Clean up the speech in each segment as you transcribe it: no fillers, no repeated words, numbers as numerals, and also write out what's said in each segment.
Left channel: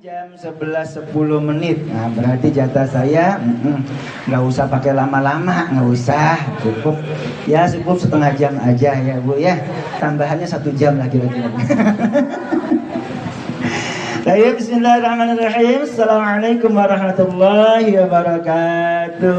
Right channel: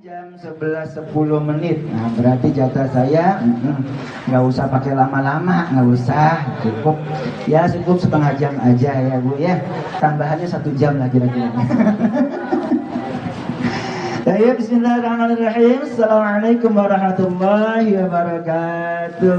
Jam 11.10. Nah, berarti jatah saya nggak usah pakai lama-lama, nggak usah, cukup ya, cukup setengah jam aja ya Bu ya, tambahannya 1 jam lah kira-kira. Baik, bismillahirrahmanirrahim. Assalamualaikum warahmatullahi wabarakatuh.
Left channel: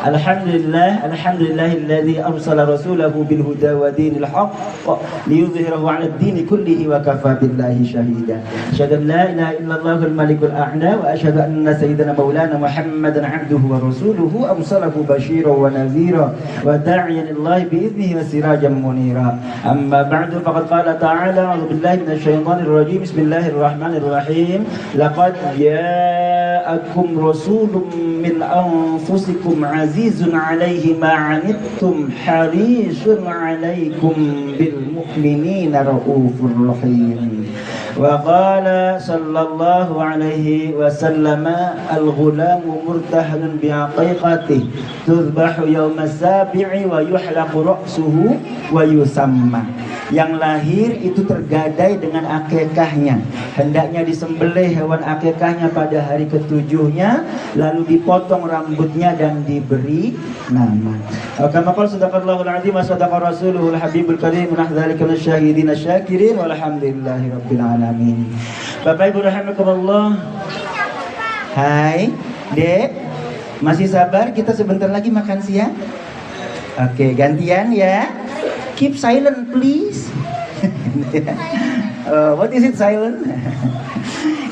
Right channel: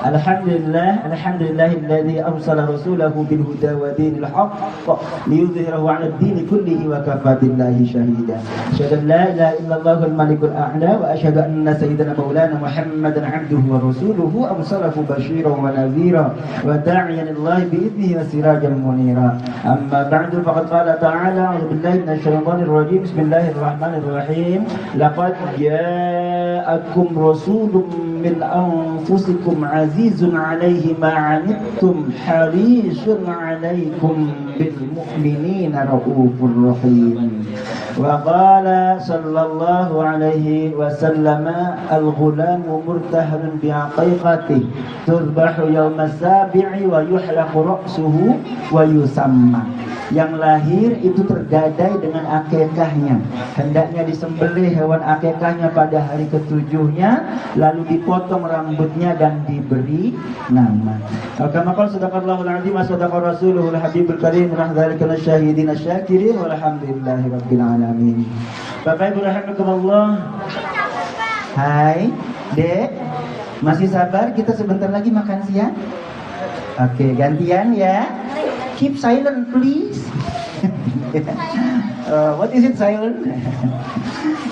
Alhamdulillahilladzi arsala rasulahu bil huda wa dinil haqq liyudhhirahu 'alad dini kullihi wa kafaa billahi shahida. Asyhadu an la ilaha illallahul malikul a'la wa asyhadu anna sayyidana maulana Muhammadan 'abduhu wa rasuluhu arsalahu basyiran wa nadhira wa da'iyan ilallahi bi idnihi wa sirajan munira. Amma ba'du, faqad qala ta'ala, a'udzu billahi minasy syaithanir rajim. Bismillahirrahmanirrahim. Laqad ja'akum rasulun min anfusikum azizun 'alaihi ma 'anittum harisun 'alaikum bil mu'minina raufur rahim. Wa qala sallallahu alaihi wasallam, al-ghulamu murtahalun bi aqiqatihi tuzbahu yawma sabi'i wa yuhlaqu ra'suhu wa yusamma. Yang lahir itu tergadai dengan akikahnya, hendaknya disembelih hewan akikahnya pada hari ketujuhnya, lalu dipotong rambutnya dan diberi nama. Kama qala sadaqallahul azim wa sadaqa rasuluhul habibul karim, wa dzalika nasyahidin asyakirin walhamdulillahi rabbil alamin. Bapak Ibu rahimakumullah. Hai, Dek. Masih sabar, kita sebentar lagi makan siang. Oke, gantian ya. Keep silent please. What is it silent?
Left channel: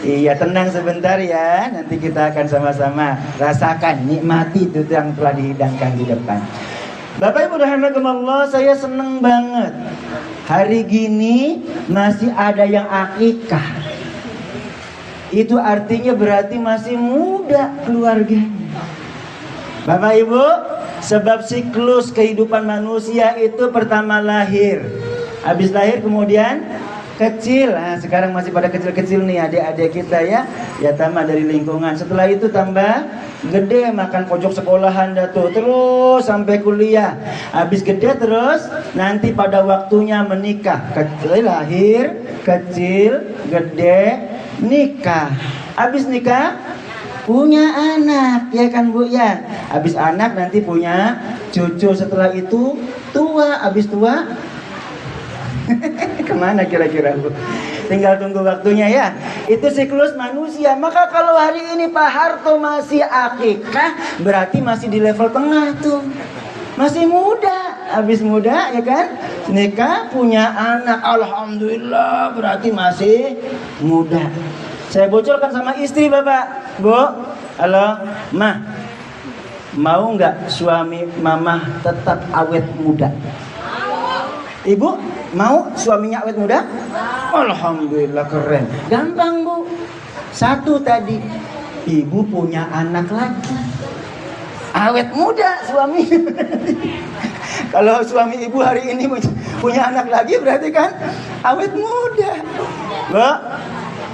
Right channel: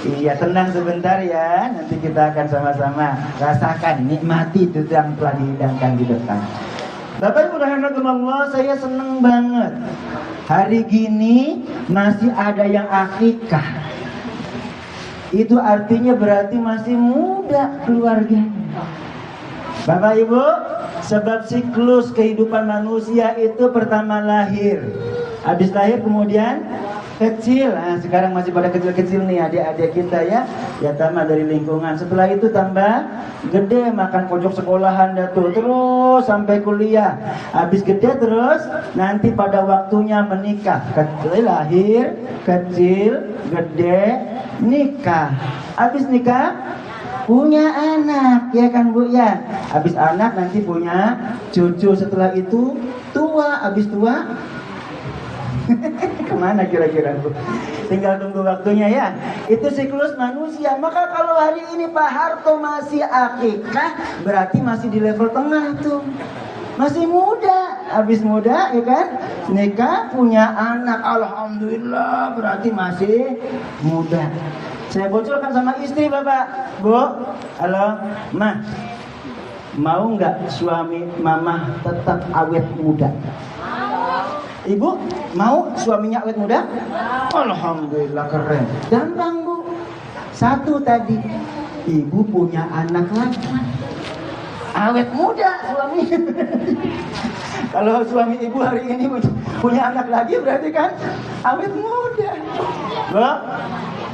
Iya, tenang sebentar ya. Nanti kita akan sama-sama rasakan, nikmati itu yang telah dihidangkan di depan. Bapak Ibu rahimakumullah, saya seneng banget. Hari gini masih ada yang akikah. Itu artinya berarti masih muda keluarganya. Bapak Ibu, sebab siklus kehidupan manusia itu pertama lahir, habis lahir kemudian kecil. Nah, sekarang masih pada kecil-kecil nih adik-adik kita ya, ya tambah dari lingkungan. Setelah itu tambah gede, makan pojok sekolahan datu, terus sampai kuliah. Habis gede terus nanti pada waktunya menikah. Kecil lahir, kecil, gede, nikah. Habis nikah punya anak, ya kan Bu ya. Habis anak nanti punya cucu, setelah itu tua, habis tua kemana kira-kira Bu? Tinggal tunggu waktunya ya. Itu siklus manusia. Maka kalau hari ini Pak Harto masih akikah, berarti masih di level tengah tuh, masih muda. Habis muda ya kan, nikah, punya anak, alhamdulillah, berarti masih muda. Saya bocorkan sama istri Bapak, Bu, halo, Mah, mau nggak suami Mama tetap awet muda? Ibu, mau suaminya awet muda? Alhamdulillah, keren. Gampang Bu. Satu tadi, ibu punya anak lagi, awet muda suami. Kalau suami ibu hari ini punya anak lagi, berarti kan awet muda. Bu,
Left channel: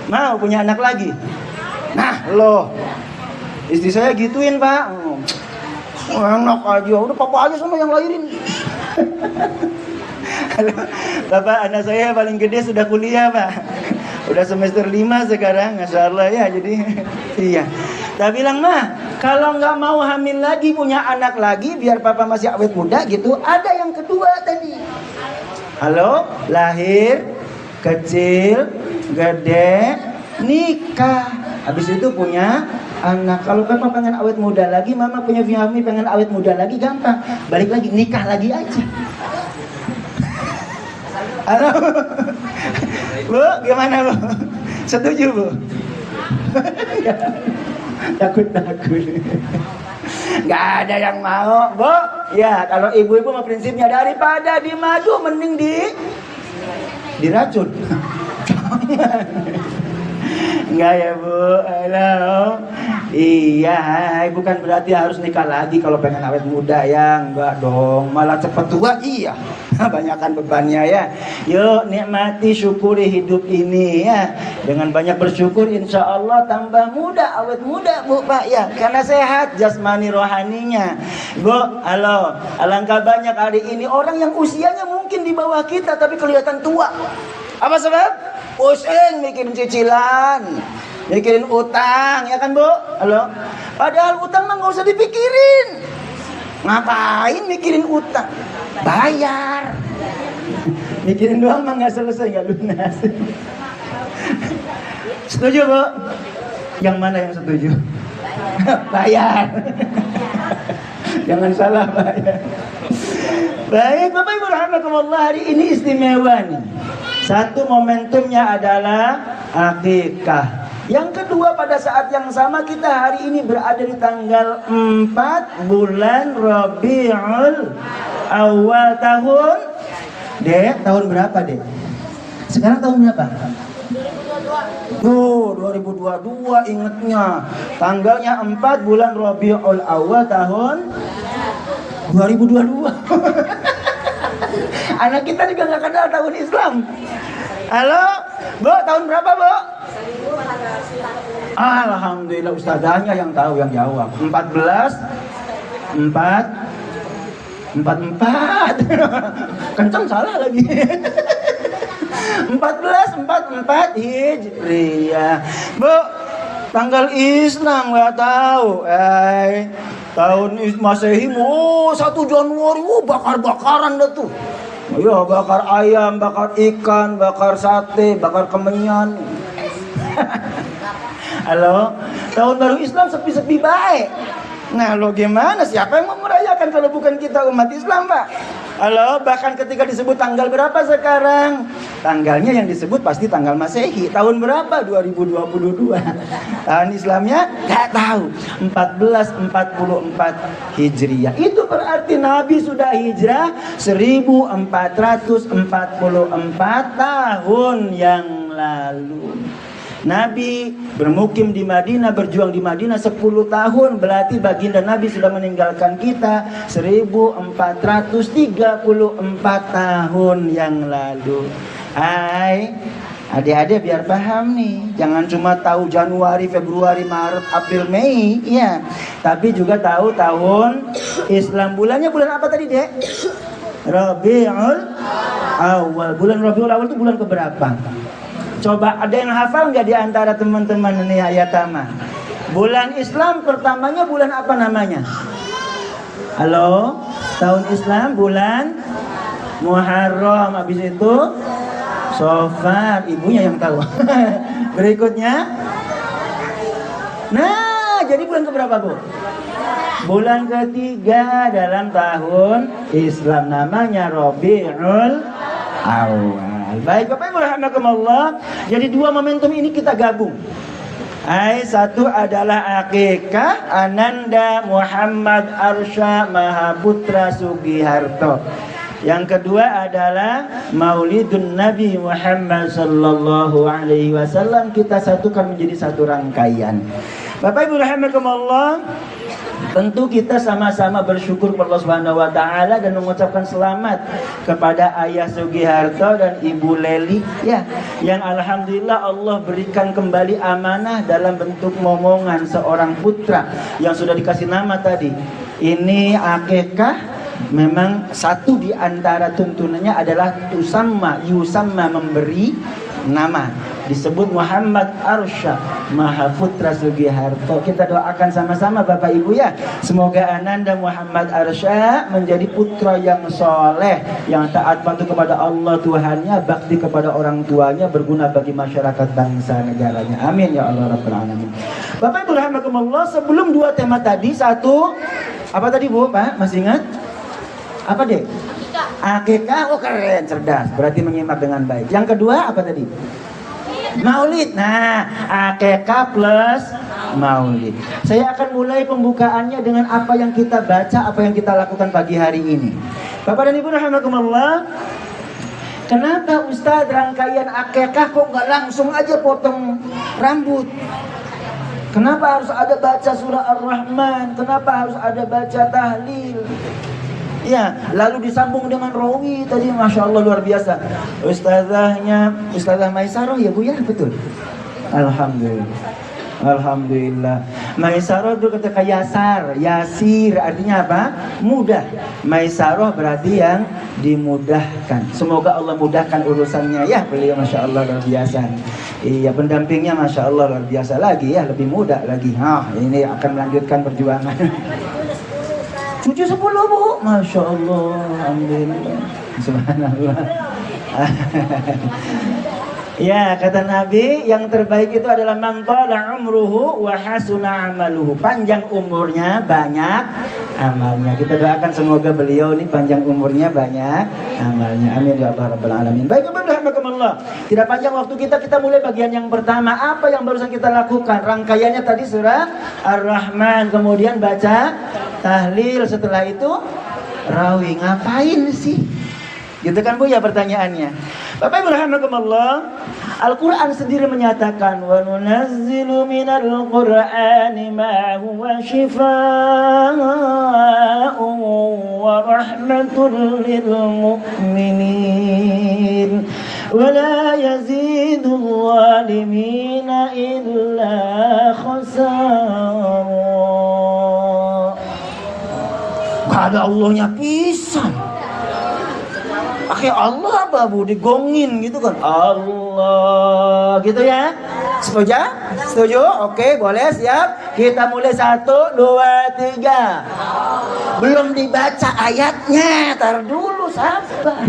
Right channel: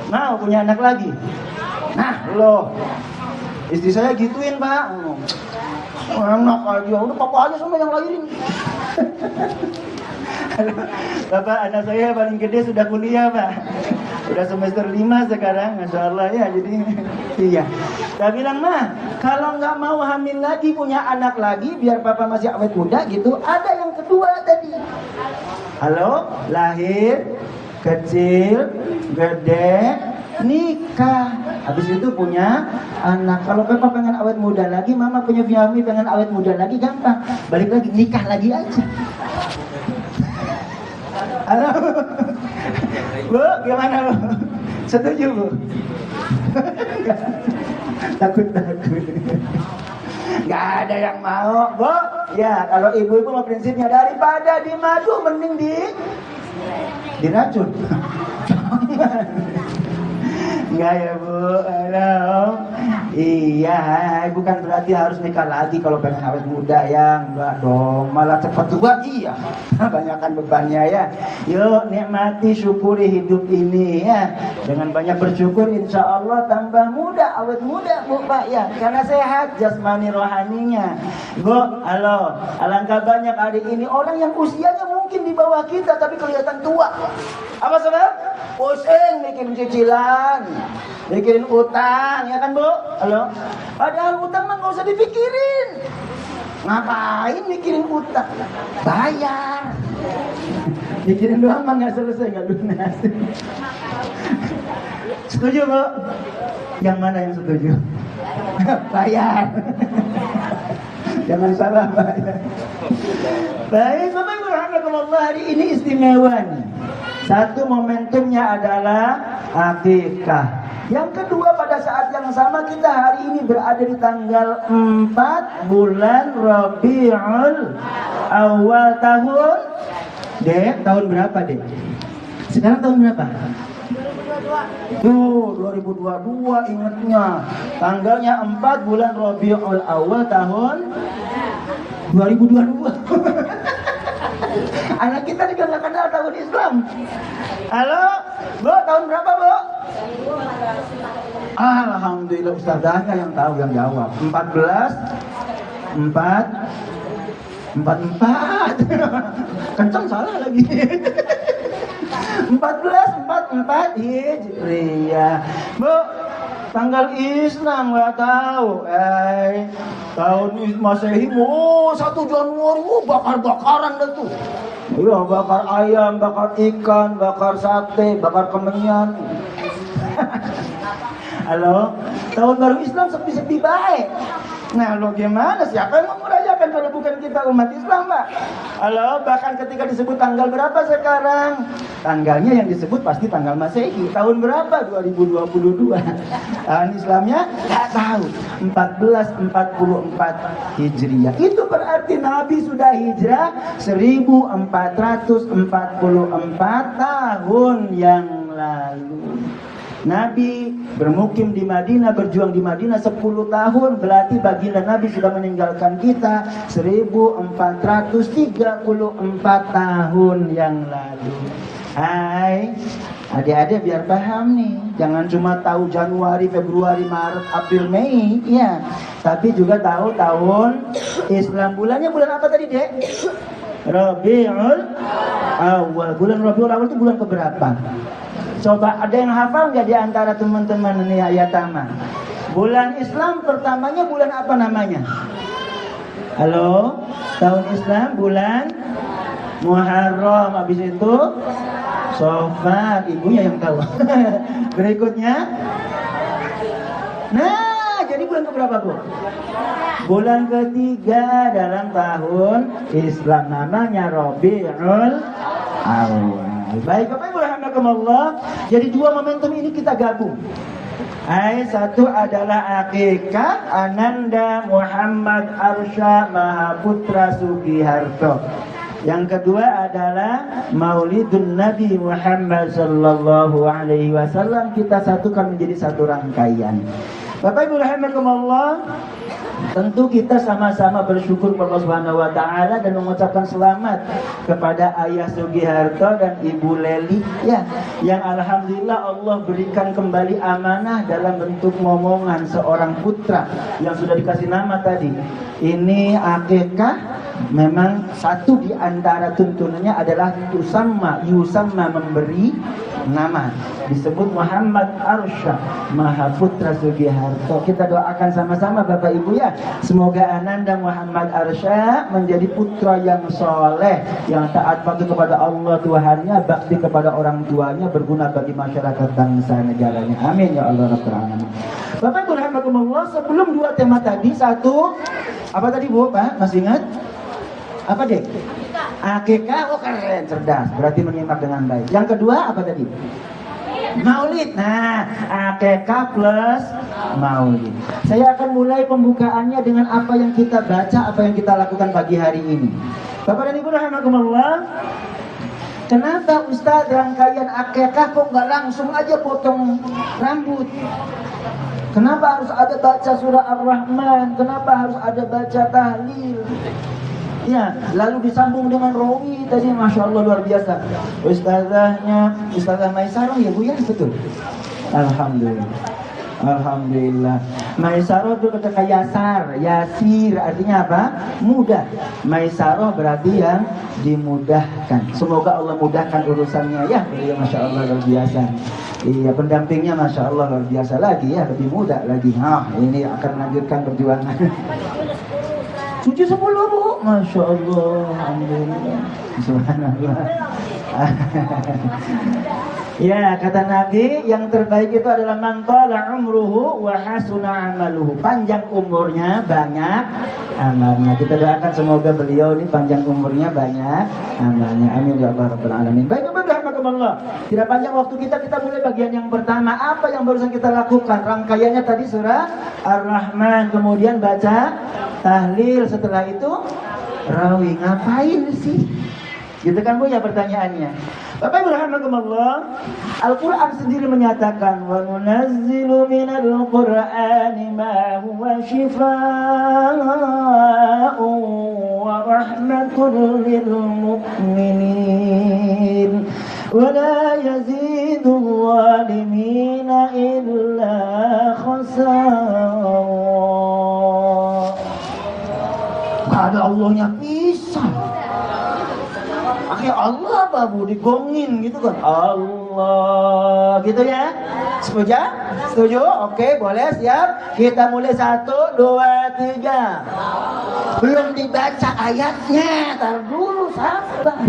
mau punya anak lagi? Nah loh, istri saya gituin Pak. Enak aja, udah papa aja sama yang lahirin. Bapak, anak saya paling gede sudah kuliah Pak, udah semester 5 sekarang, Masya Allah ya. Jadi iya, saya bilang Mah, kalau nggak mau hamil lagi, punya anak lagi, biar papa masih awet muda gitu, ada yang kedua tadi. Halo, lahir, kecil, gede, nikah. Habis itu punya anak. Kalau kan pengen awet muda lagi, Mama punya suami pengen awet muda lagi, gampang, balik lagi, nikah lagi aja. Halo Bu, gimana Bu? Setuju Bu? Takut-takut. Gak ada yang mau Bu. Ya, kalau ibu-ibu mah prinsipnya daripada dimadu mending diracun. Enggak ya Bu, halo. Iya, bukan berarti harus nikah lagi kalau pengen awet muda ya. Enggak dong, malah cepat tua. Iya, banyakkan bebannya ya. Yuk nikmati, syukuri hidup ini ya. Dengan banyak bersyukur, insya Allah tambah muda, awet muda Bu Pak ya. Karena sehat jasmani rohaninya. Bu, halo. Alangkah banyak hari ini orang yang usianya mungkin di bawah kita tapi kelihatan tua. Apa sebab? Pusing bikin cicilan, mikirin utang, ya kan Bu? Halo? Padahal utang mah nggak usah dipikirin. Ngapain mikirin utang? Bayar. Mikirin doang mah nggak selesai, nggak lunas. Setuju Bu? Yang mana yang setuju? Bayar. Jangan salah bayar. Baik Bapak Ibu rahimakumullah, hari ini istimewa nih. Satu momentumnya adalah akikah. Yang kedua, pada saat yang sama kita hari ini berada di tanggal 4 bulan Rabiul Awal tahun. Dek, tahun berapa Dek? Sekarang tahun berapa? Tuh, 2022 ingetnya. Tanggalnya 4 bulan Rabiul Awal tahun 2022. Anak kita juga nggak kenal tahun Islam. Halo, Bu, tahun berapa, Bu? Alhamdulillah ustazahnya yang tahu, yang jawab. 44. Kenceng salah lagi. 44 Hijriah. Bu, tanggal Islam nggak tahu. Tahun Masehi, 1 Januari, bakar-bakaran dah tuh. Iya, bakar ayam, bakar ikan, bakar sate, bakar kemenyan. Halo, tahun baru Islam sepi-sepi baik. Nah, lo gimana? Siapa yang mau merayakan kalau bukan kita umat Islam, Pak? Halo, bahkan ketika disebut tanggal berapa sekarang? Tanggalnya yang disebut pasti tanggal Masehi. Tahun berapa? 2022. Tahun Islamnya nggak tahu. 1444 Hijriah. Itu berarti Nabi sudah hijrah 1444 tahun yang lalu. Nabi bermukim di Madinah, berjuang di Madinah 10 tahun. Berarti baginda Nabi sudah meninggalkan kita 1434 tahun yang lalu. Hai, adik-adik biar paham nih. Jangan cuma tahu Januari, Februari, Maret, April, Mei, iya. Tapi juga tahu tahun Islam. Bulannya bulan apa tadi, Dek? Rabiul Awal. Bulan Rabiul Awal itu bulan keberapa? Coba ada yang hafal nggak di antara teman-teman ini Ayatama? Bulan Islam pertamanya bulan apa namanya? Halo, tahun Islam bulan Muharram. Habis itu Safar, ibunya yang tahu. Berikutnya, nah jadi bulan keberapa Bu? Bulan ketiga dalam tahun Islam, namanya Rabiul Awal. Baik Bapak Ibu rahimakumullah. Jadi dua momentum ini kita gabung. Satu adalah akikah Ananda Muhammad Arsha Mahaputra Sugiharto. Yang kedua adalah Maulidun Nabi Muhammad sallallahu alaihi wasallam. Kita satukan menjadi satu rangkaian. Bapak Ibu rahimakumullah, tentu kita sama-sama bersyukur kepada Allah Subhanahu wa taala dan mengucapkan selamat kepada Ayah Sugiharto dan Ibu Leli ya, yang alhamdulillah Allah berikan kembali amanah dalam bentuk momongan seorang putra yang sudah dikasih nama tadi. Ini akikah. Memang satu di antara tuntunannya adalah yusamma memberi nama, disebut Muhammad Arsha Mahaputra Sugiharto. Kita doakan sama-sama Bapak Ibu ya, semoga Ananda Muhammad Arsha menjadi putra yang soleh, yang taat patuh kepada Allah Tuhannya, bakti kepada orang tuanya, berguna bagi masyarakat bangsa negaranya. Amin ya Allah Rabbul Alamin. Bapak Ibu rahimakumullah, sebelum dua tema tadi, satu apa tadi Bu? Pak masih ingat? Apa deh? Akikah. Oh keren, cerdas. Berarti menyimak dengan baik. Yang kedua apa tadi? Maulid. Nah, akikah plus maulid. Saya akan mulai pembukaannya dengan apa yang kita baca, apa yang kita lakukan pagi hari ini. Bapak dan Ibu rahimakumullah, kenapa Ustaz rangkaian akikah kok nggak langsung aja potong rambut? Kenapa harus ada baca surah Ar-Rahman? Kenapa harus ada baca tahlil? Ya, lalu disambung dengan rawi tadi, masya Allah luar biasa. Ustazah Maisarah ya Bu ya, betul. Alhamdulillah. Alhamdulillah. Maisarah itu ketika yasir artinya apa? Mudah. Maisarah berarti yang dimudahkan. Semoga Allah mudahkan urusannya ya. Beliau Masya Allah luar biasa. Iya, pendampingnya Masya Allah luar biasa lagi ya, lebih mudah lagi. Ini akan melanjutkan perjuangan. 7-10 Bu, Masya Allah. Alhamdulillah. Subhanallah. Ya, kata Nabi, yang terbaik itu adalah man qala umruhu wa hasuna amaluhu. Panjang umurnya, banyak amalnya. Kita doakan semoga beliau ini panjang umurnya, banyak amalnya. Amin ya rabbal alamin. Baik, Allah. Tidak panjang waktu kita mulai bagian yang pertama. Apa yang barusan kita lakukan? Rangkaiannya tadi surah Ar-Rahman, kemudian baca tahlil, setelah itu rawih. Ngapain sih? Gitu kan Bu ya pertanyaannya. Bapak Ibu rahimakumullah, Al-Quran sendiri menyatakan wa nunazzilu minal Qur'ani ma huwa shifaa'un wa rahmatul lil mu'minin wa la yazidul zalimina illa khasara. Gak ada Allahnya pisan. Allah apa Bu, digongin gitu kan, Allah gitu ya. Setuju? Setuju? Oke, boleh, siap. Kita mulai 1, 2, 3. Belum dibaca ayatnya, tar dulu, sabar.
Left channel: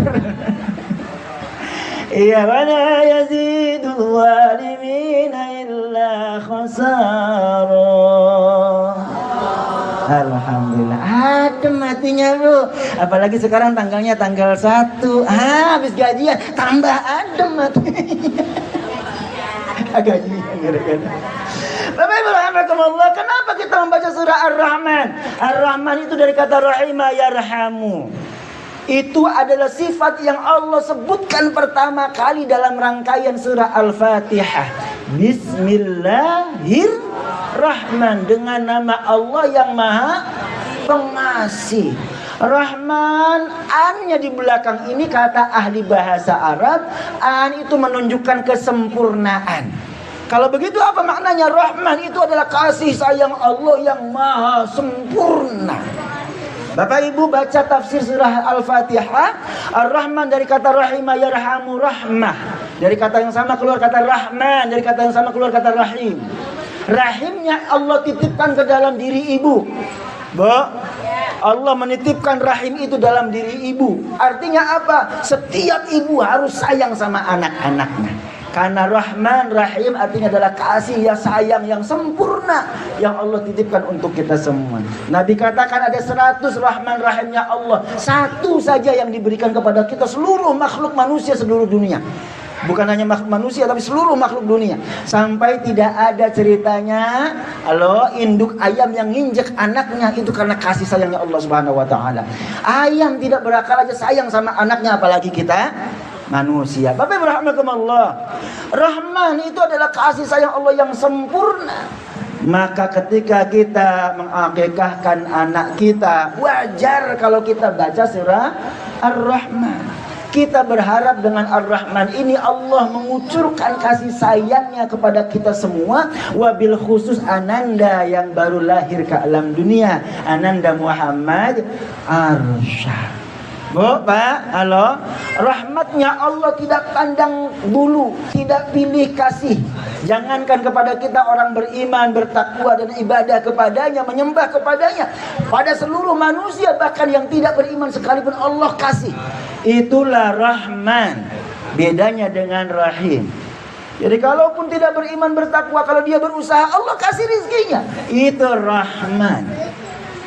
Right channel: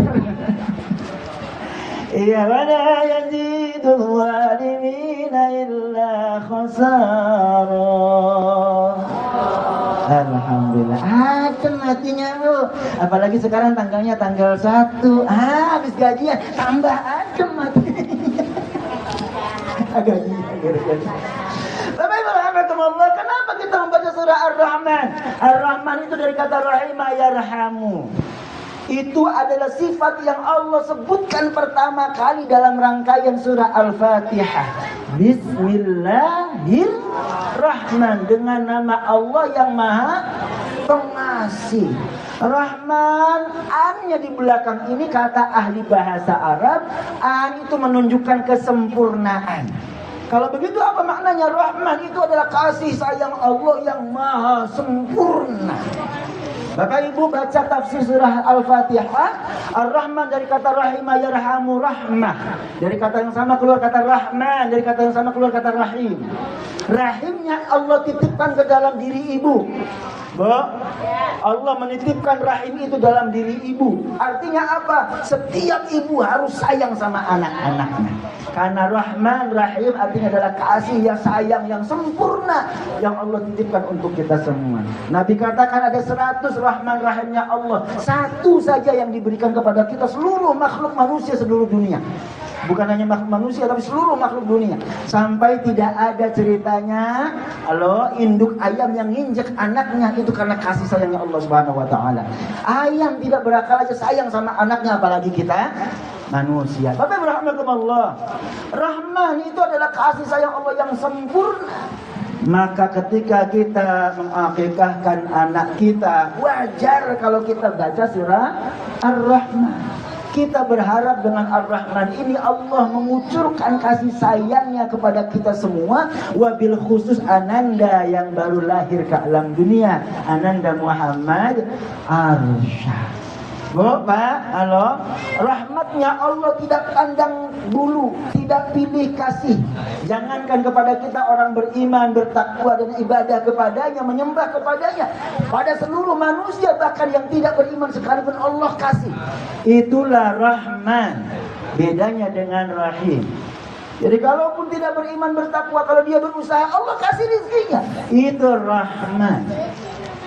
Iya, wala yazidul zalimina illa khasara. Alhamdulillah, adem hatinya lu. Apalagi sekarang tanggalnya tanggal 1. Habis gajian tambah adem hatinya. Gajian gara-gara. Bapak Ibu rahmatullah, kenapa kita membaca surah Ar-Rahman? Ar-Rahman itu dari kata rahimah yarhamu. Itu adalah sifat yang Allah sebutkan pertama kali dalam rangkaian surah Al-Fatihah. Bismillahirrahman, dengan nama Allah yang Maha Pengasih. Rahman, an-nya di belakang ini kata ahli bahasa Arab, an itu menunjukkan kesempurnaan. Kalau begitu apa maknanya? Rahman itu adalah kasih sayang Allah yang maha sempurna. Bapak Ibu baca tafsir surah Al-Fatihah, Ar-Rahman dari kata rahimah yarhamu, rahmah. Dari kata yang sama keluar kata Rahman, dari kata yang sama keluar kata rahim. Rahimnya Allah titipkan ke dalam diri ibu. Bu, Allah menitipkan rahim itu dalam diri ibu. Artinya apa? Setiap ibu harus sayang sama anak-anaknya. Karena Rahman, Rahim artinya adalah kasih yang sayang yang sempurna yang Allah titipkan untuk kita semua. Nabi katakan ada 100 Rahman Rahimnya Allah. Satu saja yang diberikan kepada kita seluruh makhluk manusia seluruh dunia. Bukan hanya makhluk manusia tapi seluruh makhluk dunia. Sampai tidak ada ceritanya kalau induk ayam yang nginjek anaknya itu karena kasih sayangnya Allah Subhanahu wa taala. Ayam tidak berakal aja sayang sama anaknya, apalagi kita manusia. Bapak rahmatullah, Rahman itu adalah kasih sayang Allah yang sempurna. Maka ketika kita mengakikahkan anak kita, wajar kalau kita baca surah Ar-Rahman. Kita berharap dengan Ar-Rahman ini Allah mengucurkan kasih sayangnya kepada kita semua. Wabil khusus Ananda yang baru lahir ke alam dunia, Ananda Muhammad Arsyad. Bu, Pak, halo. Rahmatnya Allah tidak pandang bulu, tidak pilih kasih. Jangankan kepada kita orang beriman, bertakwa dan ibadah kepadanya, menyembah kepadanya. Pada seluruh manusia bahkan yang tidak beriman sekalipun Allah kasih. Itulah Rahman. Bedanya dengan Rahim. Jadi kalaupun tidak beriman bertakwa, kalau dia berusaha Allah kasih rizkinya. Itu Rahman.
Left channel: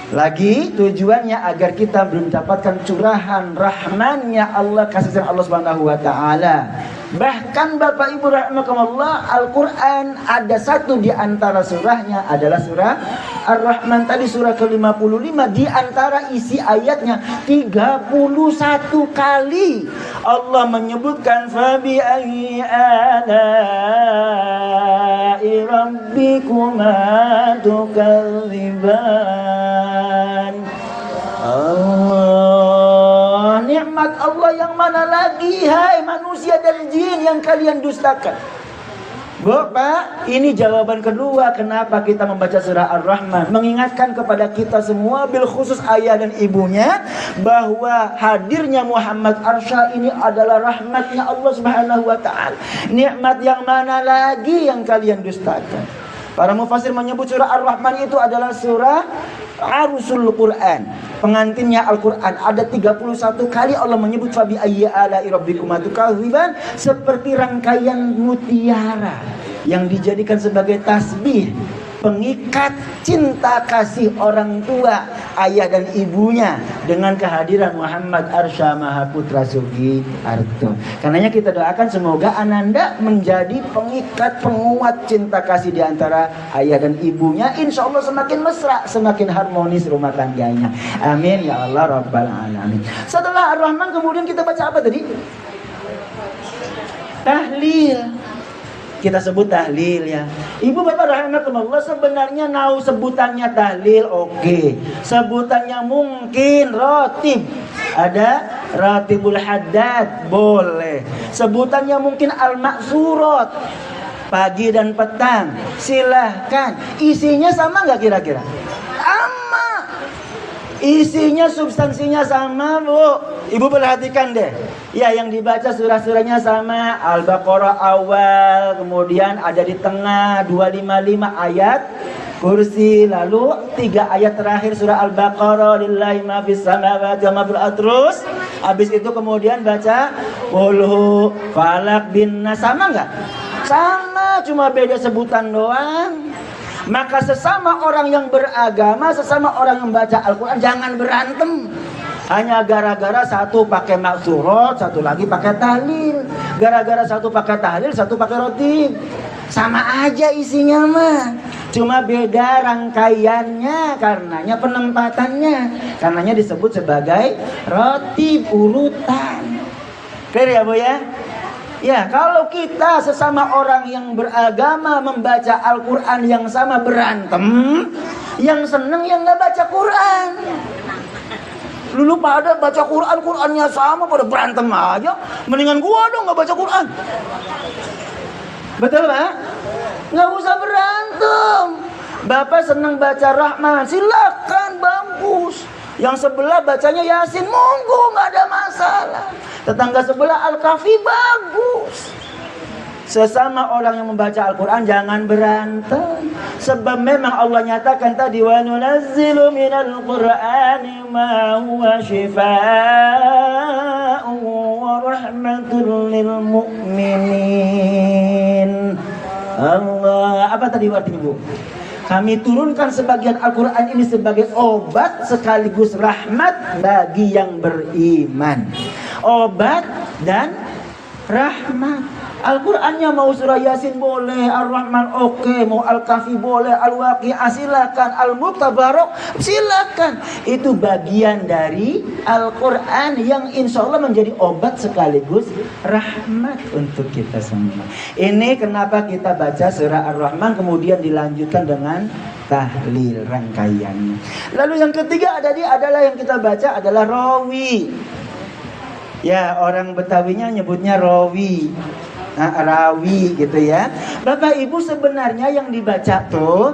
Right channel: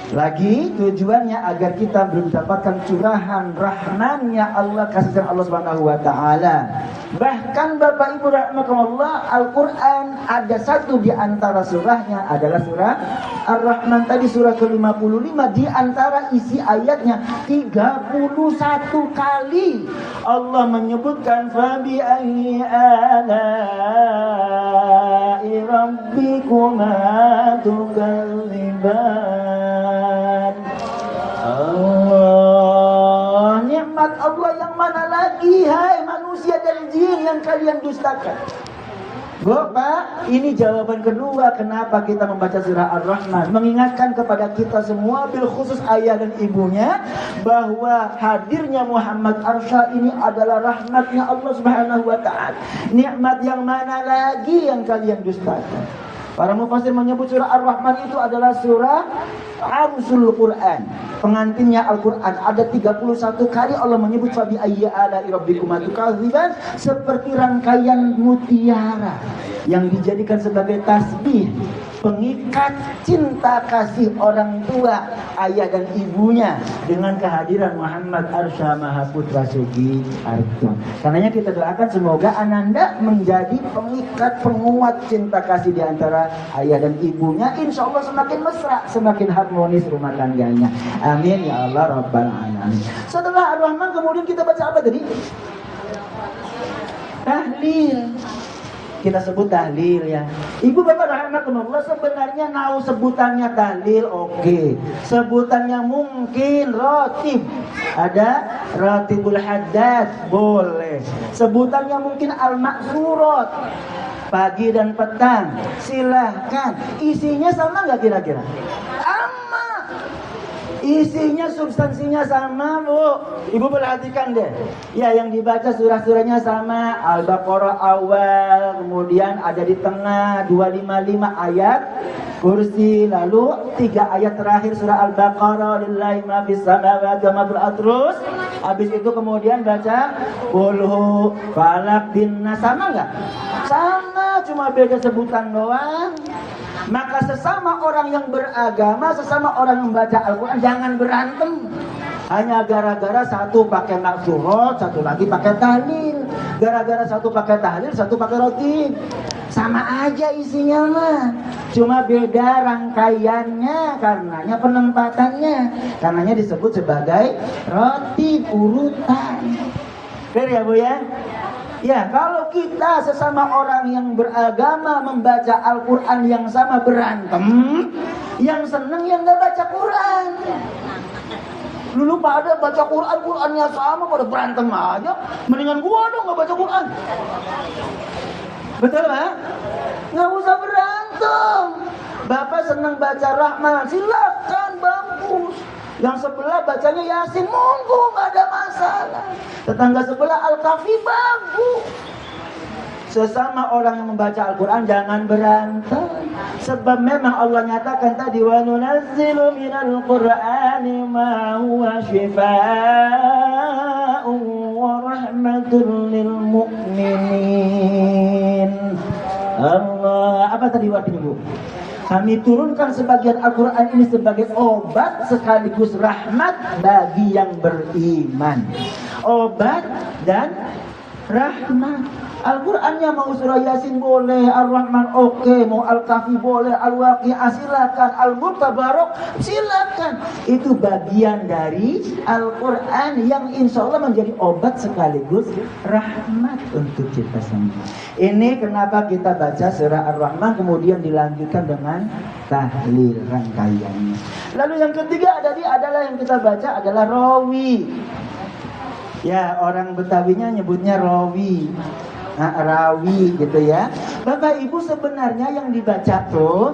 Lagi tujuannya agar kita mendapatkan curahan rahmannya Allah, kasih sayang Allah Subhanahu wa taala. Bahkan Bapak Ibu rahimakumullah, Al-Qur'an ada satu di antara surahnya adalah surah Ar-Rahman tadi, surah ke-55. Di antara isi ayatnya 31 kali Allah menyebutkan fabi ayyi ala'i rabbikuma tukadziban. Allah, nikmat Allah yang mana lagi hai manusia dan jin yang kalian dustakan? Bapak, ini jawaban kedua kenapa kita membaca surah Ar-Rahman. Mengingatkan kepada kita semua, bil khusus ayah dan ibunya, bahwa hadirnya Muhammad Arsya ini adalah rahmatnya Allah Subhanahu wa ta'ala. Nikmat yang mana lagi yang kalian dustakan? Para mufassir menyebut surah Ar-Rahman itu adalah surah Arusul Quran, pengantinnya Al-Quran. Ada 31 kali Allah menyebut fabi ayyi ala'i rabbikuma tukadziban, seperti rangkaian mutiara yang dijadikan sebagai tasbih, pengikat cinta kasih orang tua, ayah dan ibunya dengan kehadiran Muhammad Arsya Mahaputra Sugiarto. Karenanya kita doakan semoga Ananda menjadi pengikat penguat cinta kasih di antara ayah dan ibunya. Insya Allah semakin mesra, semakin harmonis rumah tangganya. Amin ya Allah Rabbal Alamin. Setelah Ar-Rahman kemudian kita baca apa tadi? Tahlil. Kita sebut tahlil ya. Ibu bapak rahimakumullah, sebenarnya tahu sebutannya tahlil, oke. Sebutannya mungkin rotib. Ada ratibul haddad, boleh. Sebutannya mungkin al-maksurat, pagi dan petang, silahkan. Isinya sama nggak kira-kira? Isinya, substansinya sama, Bu. Ibu perhatikan deh. Ya, yang dibaca surah-surahnya sama. Al-Baqarah awal, kemudian ada di tengah 255 ayat kursi, lalu 3 ayat terakhir surah Al-Baqarah, lillahi ma fis samawati wa ma fil ardh. Terus habis itu kemudian baca qul falaq bin nas. Sama enggak? Sama, cuma beda sebutan doang. Maka sesama orang yang beragama, sesama orang yang membaca Al-Quran, jangan berantem. Hanya gara-gara satu pakai maksurat, satu lagi pakai tahlil. Gara-gara satu pakai tahlil, satu pakai rotib. Sama aja isinya mah, cuma beda rangkaiannya, karenanya penempatannya. Karenanya disebut sebagai rotib, urutan. Clear ya Bu ya? Ya, kalau kita sesama orang yang beragama membaca Al-Quran yang sama berantem, yang seneng yang gak baca Quran. Dulu pada baca Quran, Qurannya sama, pada berantem aja. Mendingan gua dong gak baca Quran. Betul kan? Gak usah berantem. Bapak seneng baca Rahman, silakan, bagus. Yang sebelah bacanya Yasin, monggo, nggak ada masalah. Tetangga sebelah Al-Kahfi, bagus. Sesama orang yang membaca Al-Quran jangan berantem. Sebab memang Allah nyatakan tadi, wa nunazzilu minal Qur'ani ma huwa shifaa'un wa rahmatul lil mu'minin. Allah, apa tadi artinya Bu? Kami turunkan sebagian Al-Quran ini sebagai obat sekaligus rahmat bagi yang beriman. Obat dan rahmat. Al-Qurannya mau surah Yasin boleh, Ar-Rahman oke, mau Al-Kahfi boleh, Al-Waqi'ah silakan, Al-Mutabarak silakan. Itu bagian dari Al-Quran yang insya Allah menjadi obat sekaligus rahmat untuk kita semua. Ini kenapa kita baca surah Ar-Rahman kemudian dilanjutkan dengan tahlil rangkaiannya. Lalu yang ketiga adalah yang kita baca adalah rawi. Ya, orang Betawinya nyebutnya rawi. Nah, rawi gitu ya. Bapak Ibu, sebenarnya yang dibaca tuh,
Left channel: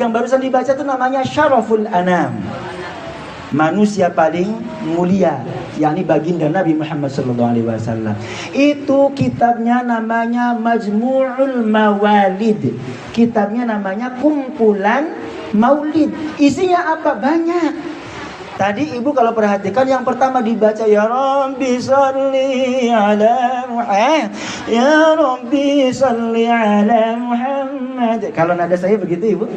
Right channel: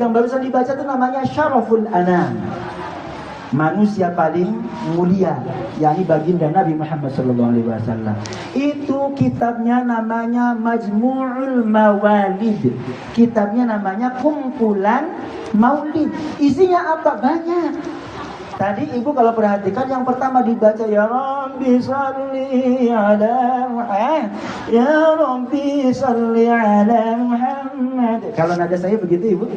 yang barusan dibaca tuh namanya Syaraful Anam, manusia paling mulia, yakni baginda Nabi Muhammad SAW. Itu kitabnya namanya Majmu'ul Mawalid. Kitabnya namanya kumpulan maulid. Isinya apa? Banyak. Tadi Ibu kalau perhatikan yang pertama dibaca ya Rabbi salli ala Muhammad, ya Rabbi salli ala Muhammad. Kalau nada saya begitu Ibu,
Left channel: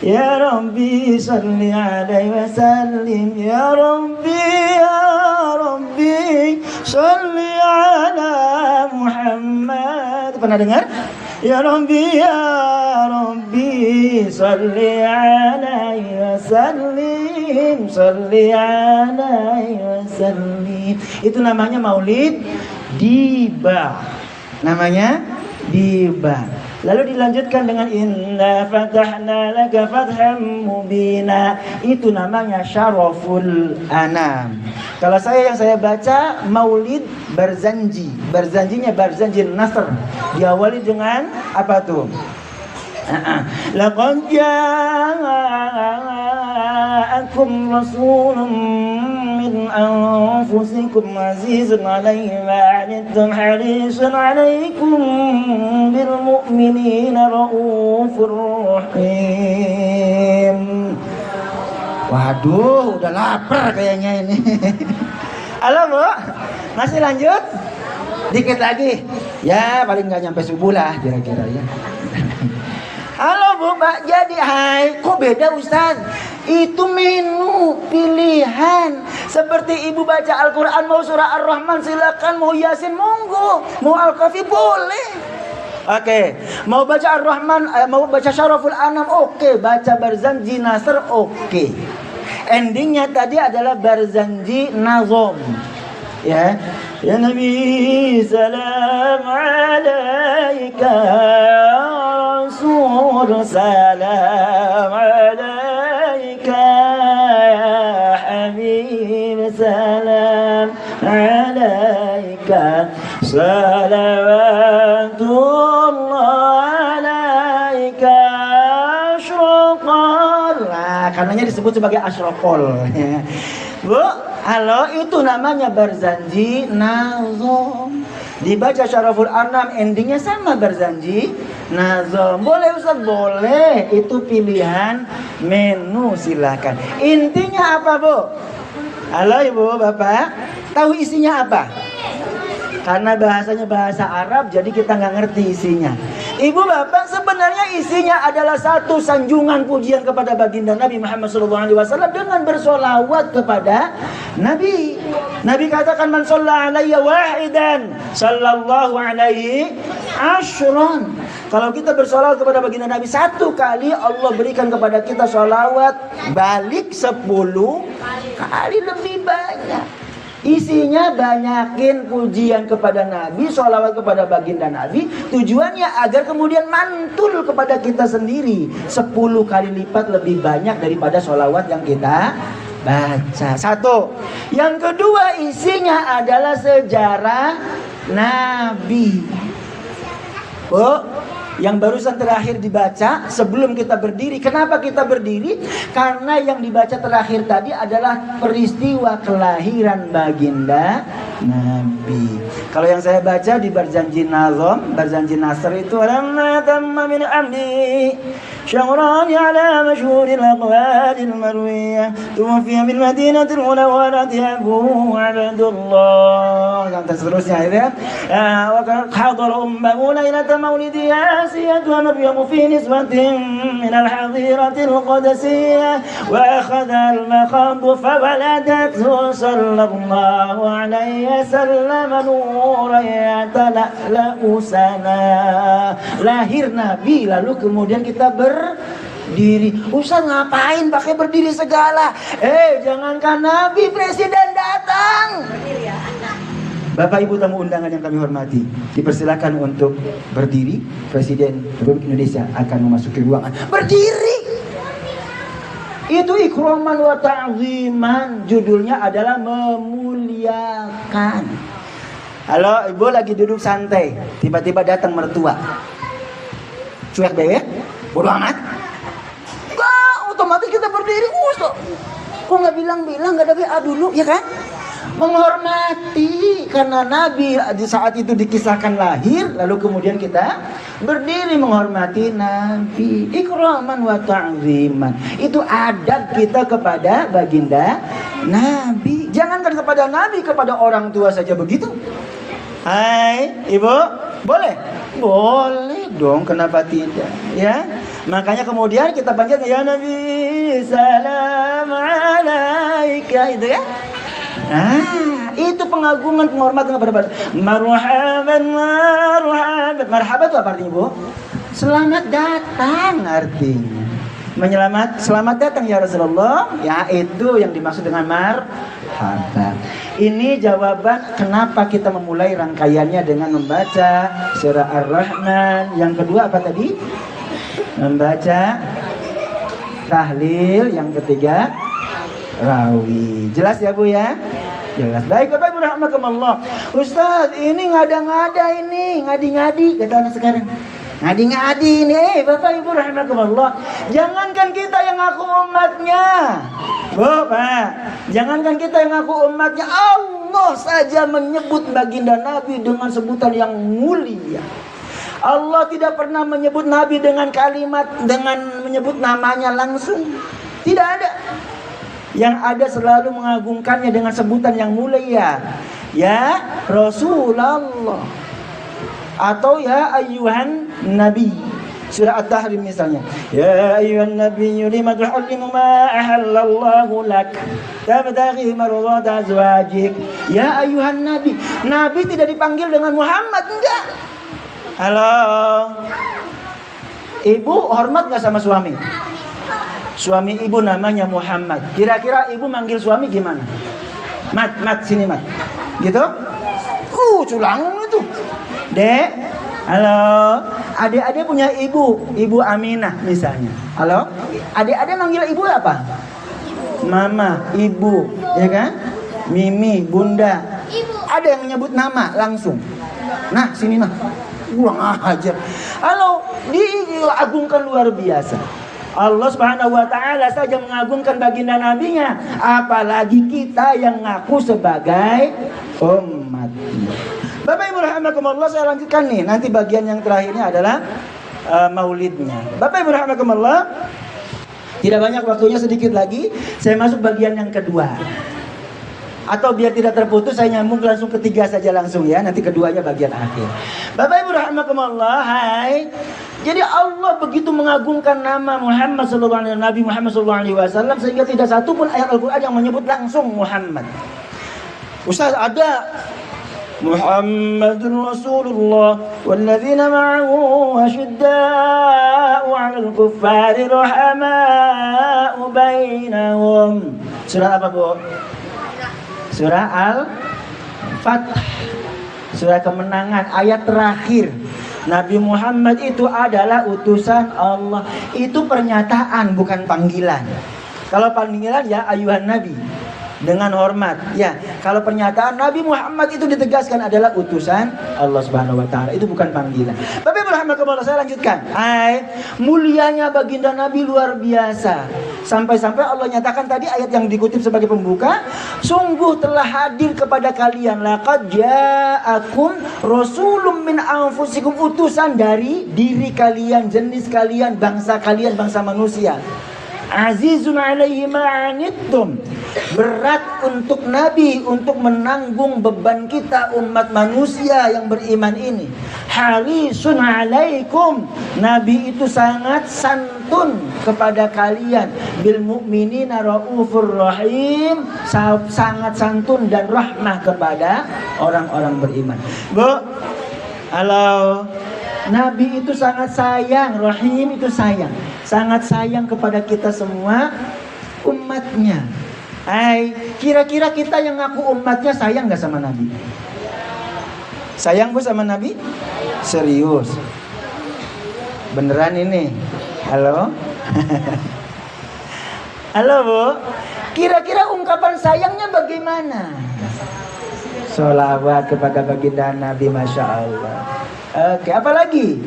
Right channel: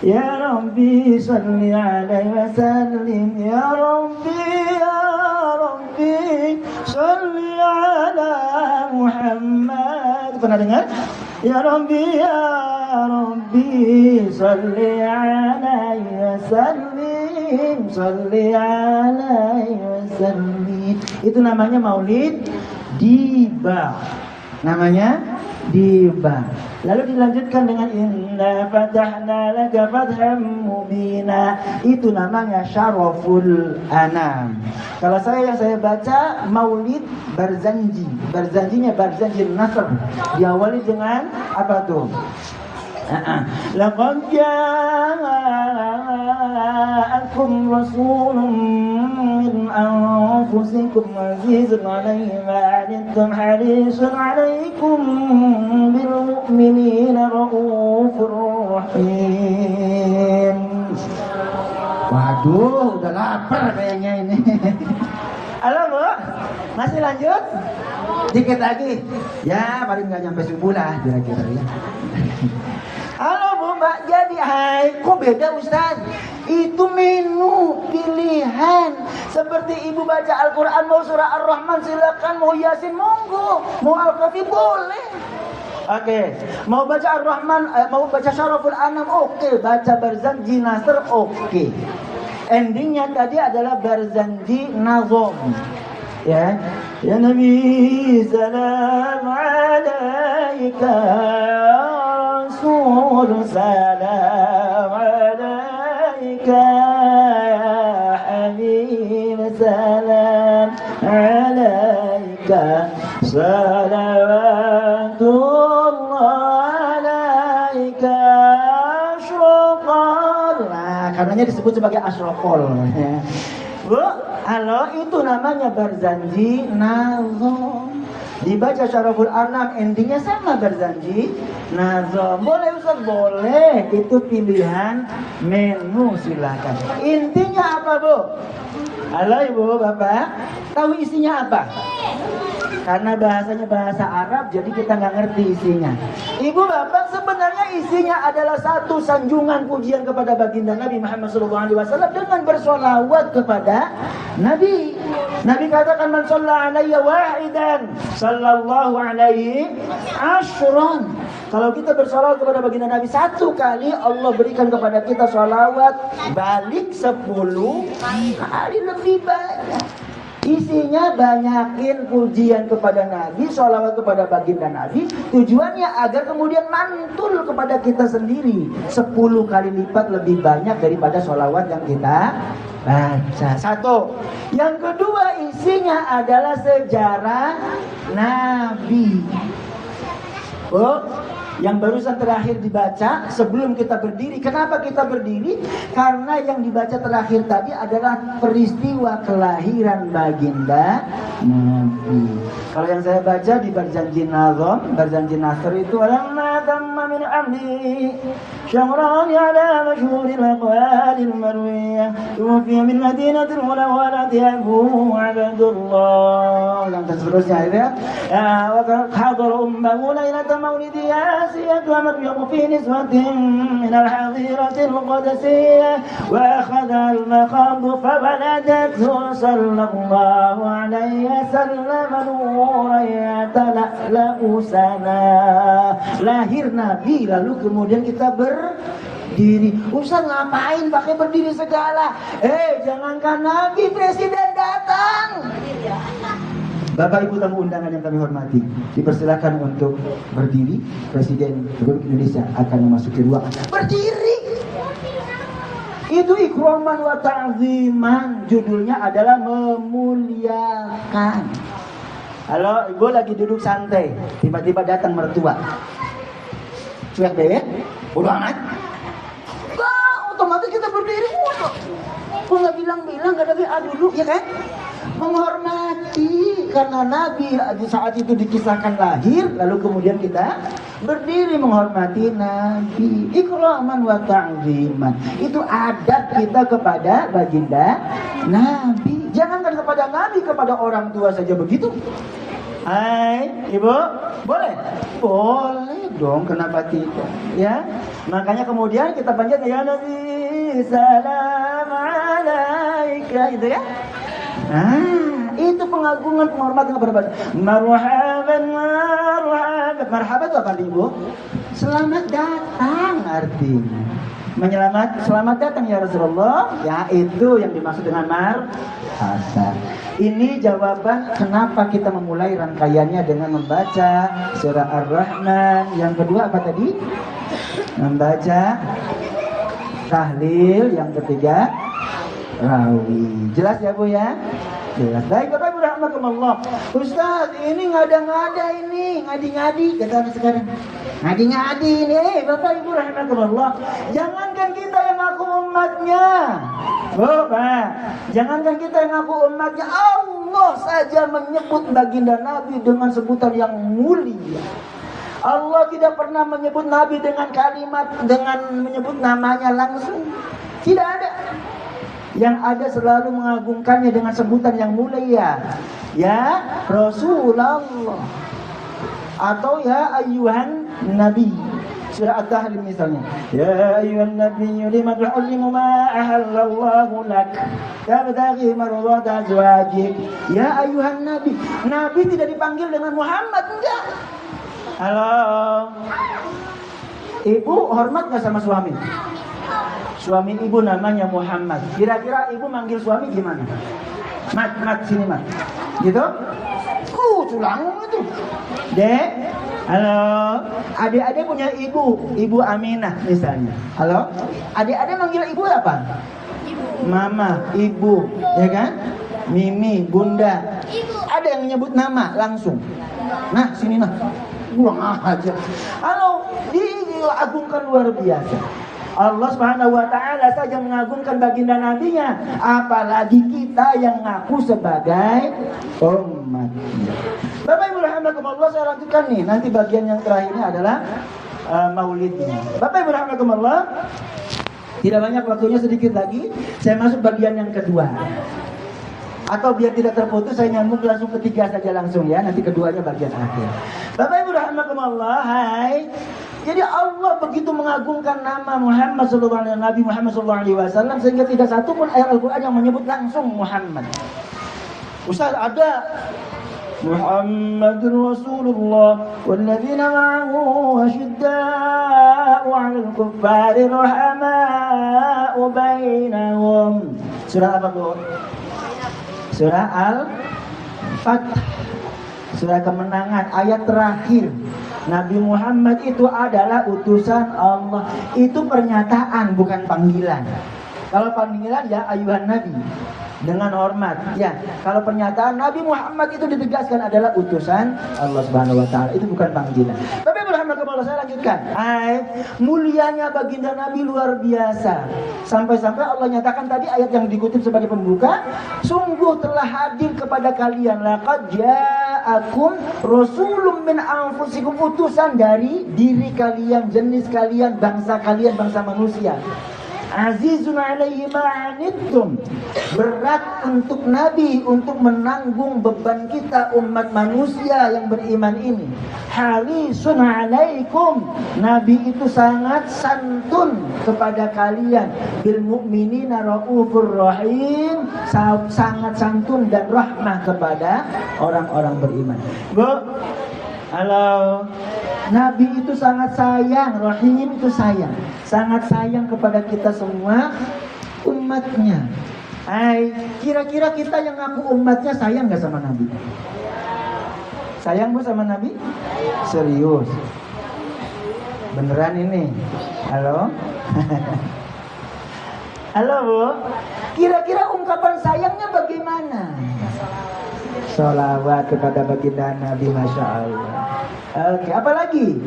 ya Rabbi salli alaihi wasallim, ya Rabbi salli ala Muhammad. Pernah dengar? Ya Rabbi salli alaihi wasallim, salli alaihi wasallim. Itu namanya maulid dibah. Namanya dibah. Lalu dilanjutkan dengan inna fatahna laka fatham mubina. Itu namanya syaraful anam. Kalau yang saya baca Maulid Barzanji. Barzanjinya Barzanji Nasr. Diawali dengan apa tuh? Laqad ja'akum rasulun min anfusikum azizun 'alaihi ma 'anittum harisun 'alaikum bil mu'minina raufur rahim. Waduh, udah lapar kayaknya ini. Halo Bu, masih lanjut? Dikit lagi. Ya, paling nggak nyampe subuh lah kira-kira ya. Halo Bu, Mbak. Jadi kok beda Ustaz? Itu menu pilihan. Seperti Ibu baca Al-Quran, mau surah Ar-Rahman silakan, mau Yasin monggo, mau Al-Kahfi boleh. Oke, mau baca Ar-Rahman, mau baca Syaraful Anam, oke. Baca Barzanji Nasr, oke. Endingnya tadi adalah Barzanji Nazom. Ya, ya Nabi salam alaika Rasul salam alaika Habib salam alaika salawatullah alaika asyraqal. Nah, karenanya disebut sebagai asyraqal ya. Bu, halo, itu namanya Barzanji Nazom. Dibaca Syaraful Anam, endingnya sama Barzanji Nazom. Boleh Ustaz? Boleh. Itu pilihan menu, silakan. Intinya apa Bu? Halo Ibu, Bapak, tahu isinya apa? Karena bahasanya bahasa Arab, jadi kita nggak ngerti isinya. Ibu Bapak, sebenarnya isinya adalah satu sanjungan pujian kepada baginda Nabi Muhammad SAW dengan bersolawat kepada Nabi. Nabi katakan man shalla alayya wahidan sallallahu alaihi asyran. Kalau kita bersolawat kepada baginda Nabi satu kali, Allah berikan kepada kita solawat balik 10 kali lebih banyak. Isinya banyakin pujian kepada Nabi, sholawat kepada baginda Nabi. Tujuannya agar kemudian mantul kepada kita sendiri 10 kali lipat lebih banyak daripada sholawat yang kita baca. Satu. Yang kedua, isinya adalah sejarah Nabi. Yang barusan terakhir dibaca sebelum kita berdiri. Kenapa kita berdiri? Karena yang dibaca terakhir tadi adalah peristiwa kelahiran baginda Nabi. Kalau yang saya baca di Barzanji Nazom, Barzanji Nasr itu lamma tamma min amdi syahran ala masyhuril aqwalil marwiyah tuwfiya bil madinatil munawwarati Abu Abdullah. Yang seterusnya ya. Wa hadara ummu lailata maulidiyah ومريم في نسبة من الحظيرة القدسية وأخذ المخاض فولدته صلى الله عليه وسلم نورا يتلألأ سنا. Lahir Nabi, lalu kemudian kita berdiri. Ustaz ngapain pakai berdiri segala? Jangankan Nabi, presiden datang. Bapak Ibu tamu undangan yang kami hormati, dipersilakan untuk berdiri. Presiden Republik Indonesia akan memasuki ruangan. Berdiri. Itu ikraman wa ta'ziman. Judulnya adalah memuliakan. Halo, Ibu lagi duduk santai, tiba-tiba datang mertua. Cuek deh, bodo amat. Otomatis kita berdiri. Kok nggak bilang-bilang, nggak ada WA dulu, ya kan? Menghormati, karena Nabi di saat itu dikisahkan lahir, lalu kemudian kita berdiri menghormati Nabi. Ikraman wa ta'ziman. Itu adab kita kepada baginda Nabi. Jangankan kepada Nabi, kepada orang tua saja begitu. Hai, Ibu, boleh? Boleh dong, kenapa tidak? Ya, makanya kemudian kita panjat ya Nabi, salam alaika, itu ya. Nah, itu pengagungan, penghormatan kepada marhaban, marhaban. Marhaban itu apa artinya, Bu? Selamat datang artinya. Selamat datang ya Rasulullah. Ya, itu yang dimaksud dengan marhaban. Ini jawaban kenapa kita memulai rangkaiannya dengan membaca surah Ar-Rahman. Yang kedua apa tadi? Membaca tahlil. Yang ketiga rawi. Jelas ya Bu ya? Jelas. Baik Bapak Ibu rahimakumullah. Ustaz, ini ngada-ngada ini, ngadi-ngadi kata anak sekarang. Ngadi-ngadi ini, Bapak Ibu rahimakumullah. Jangankan kita yang ngaku umatnya. Bapak, jangankan kita yang ngaku umatnya, Allah saja menyebut baginda Nabi dengan sebutan yang mulia. Allah tidak pernah menyebut Nabi dengan kalimat, dengan menyebut namanya langsung. Tidak ada. Yang ada selalu mengagungkannya dengan sebutan yang mulia. Ya Rasulullah, atau ya ayyuhan Nabi. Surah At-Tahrim misalnya. Ya ayyuhan Nabi lima tuhallimu ma ahallallahu lak tabtaghi mardata azwajik. Ya ayyuhan Nabi. Nabi tidak dipanggil dengan Muhammad, enggak. Halo. Ibu hormat gak sama suami? Suami ibu namanya Muhammad. Kira-kira ibu manggil suami gimana? Mat, sini mat. Gitu? Culangung itu. Dek, halo. Adik-adik punya ibu Aminah misalnya. Halo. Adik-adik manggil ibu apa? Mama, ibu, ya kan? Mimi, bunda. Ada yang menyebut nama langsung. Nah, sini nah. Kurang aja. Halo, diagungkan luar biasa. Allah Subhanahu wa taala saja mengagungkan baginda nabinya, apalagi kita yang ngaku sebagai umatnya. Bapak Ibu rahimakumullah, saya lanjutkan nih. Nanti bagian yang terakhirnya adalah maulidnya. Bapak Ibu rahimakumullah, tidak banyak waktunya, sedikit lagi saya masuk bagian yang kedua. Atau biar tidak terputus saya nyambung langsung ketiga saja langsung ya. Nanti keduanya bagian akhir. Bapak Ibu rahimakumullah, hai. Jadi Allah begitu mengagungkan nama Muhammad sallallahu alaihi wasallam, Nabi Muhammad sallallahu alaihi wasallam, sehingga tidak satu pun ayat Al-Qur'an yang menyebut langsung Muhammad. Ustaz, ada Muhammadur Rasulullah walladzina ma'ahu asyidda'u 'alal kuffari rahama'u bainahum. Surah apa, Bu? Surah Al-Fath. Surah kemenangan, ayat terakhir. Nabi Muhammad itu adalah utusan Allah. Itu pernyataan, bukan panggilan. Kalau panggilan ya ayuhan Nabi, dengan hormat. Ya, kalau pernyataan Nabi Muhammad itu ditegaskan adalah utusan Allah Subhanahu wa taala. Itu bukan panggilan. Tapi berhamdulillah, saya lanjutkan. Mulianya baginda Nabi luar biasa. Sampai-sampai Allah nyatakan tadi ayat yang dikutip sebagai pembuka, sungguh telah hadir kepada kalian laqad ja'akum rasulun min anfusikum, utusan dari diri kalian, jenis kalian, bangsa kalian, bangsa manusia. Azizun alaihi ma'anittum, berat untuk Nabi untuk menanggung beban kita umat manusia yang beriman ini. Harisun alaikum, Nabi itu sangat santun kepada kalian. Bil mu'minina raufur rahim, sangat santun dan rahmah kepada orang-orang beriman. Bu, halo. Nabi itu sangat sayang, rahim itu sayang, sangat sayang kepada kita semua umatnya. Kira-kira kita yang ngaku umatnya sayang gak sama Nabi? Sayang Bu sama Nabi? Serius? Beneran ini? Halo? Halo Bu? Kira-kira ungkapan sayangnya bagaimana? Sholawat kepada baginda Nabi, Masya Allah. Oke, apa lagi?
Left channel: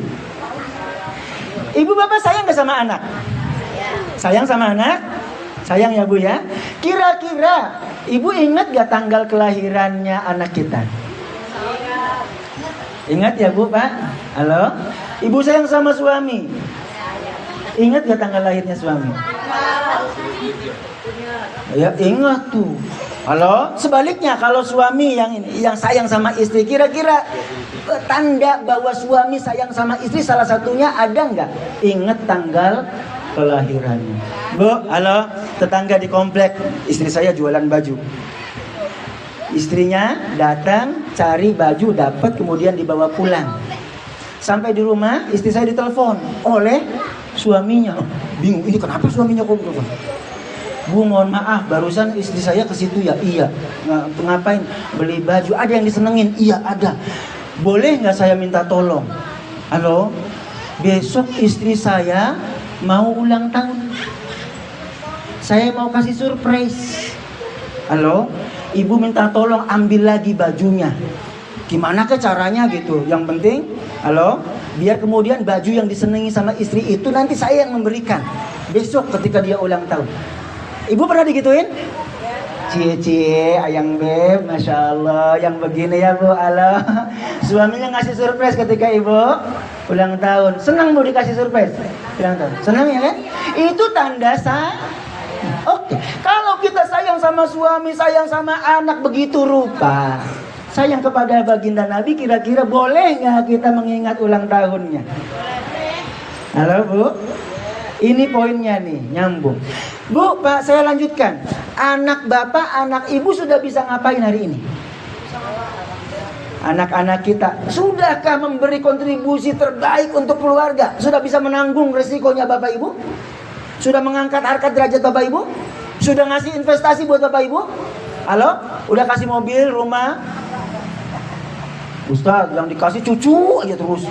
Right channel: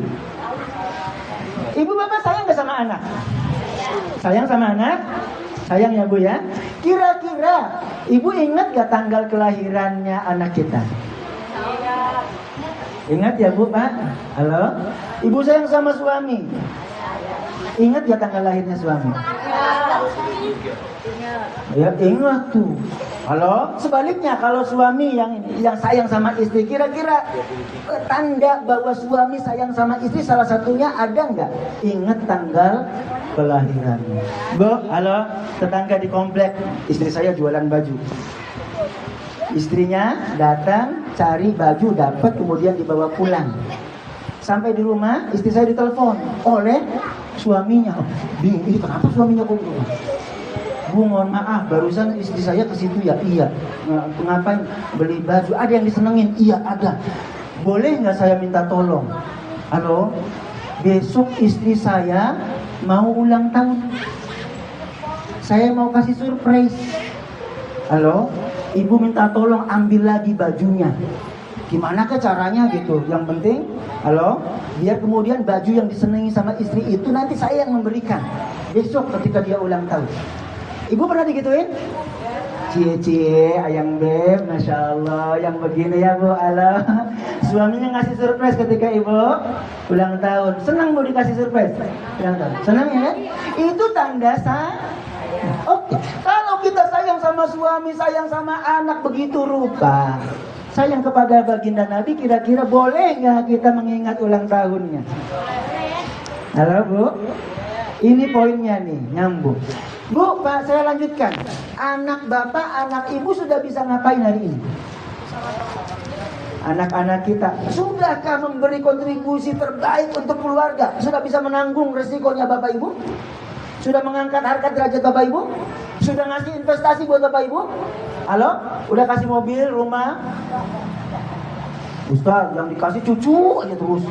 Ibu bapak sayang gak sama anak? Sayang sama anak? Sayang ya Bu ya? Kira-kira ibu ingat gak tanggal kelahirannya anak kita? Ingat ya Bu, Pak? Halo? Ibu sayang sama suami? Ingat gak tanggal lahirnya suami? Ya ingat tuh. Halo? Sebaliknya kalau suami yang sayang sama istri, kira-kira tanda bahwa suami sayang sama istri salah satunya ada nggak? Ingat tanggal kelahirannya. Bu, halo, tetangga di komplek, istri saya jualan baju. Istrinya datang cari baju, dapat, kemudian dibawa pulang. Sampai di rumah, istri saya ditelepon oleh suaminya. Bingung, ini kenapa suaminya kok berubah? Bu mohon maaf, barusan istri saya ke situ ya. Iya. Ngapain? Beli baju. Ada yang disenengin? Iya ada. Boleh nggak saya minta tolong? Halo, besok istri saya mau ulang tahun. Saya mau kasih surprise. Halo, ibu minta tolong ambil lagi bajunya. Gimana ke caranya gitu? Yang penting, halo, biar kemudian baju yang disenangi sama istri itu nanti saya yang memberikan besok ketika dia ulang tahun. Ibu pernah digituin? Cie, ayang beb, masya Allah, yang begini ya bu, halo. Suaminya ngasih surprise ketika ibu ulang tahun. Senang bu dikasih surprise ulang tahun? Senang ya kan? Itu tanda Oke, kalau kita sayang sama suami, sayang sama anak begitu rupa, sayang kepada baginda Nabi, kira-kira boleh nggak kita mengingat ulang tahunnya? Halo bu, ini poinnya nih, nyambung. Bu, Pak, saya lanjutkan. Anak bapak, anak ibu sudah bisa ngapain hari ini? Anak-anak kita sudahkah memberi kontribusi terbaik untuk keluarga? Sudah bisa menanggung resikonya bapak ibu? Sudah mengangkat harkat derajat bapak ibu? Sudah ngasih investasi buat bapak ibu? Halo? Udah kasih mobil, rumah? Ustaz, yang dikasih cucu aja terus.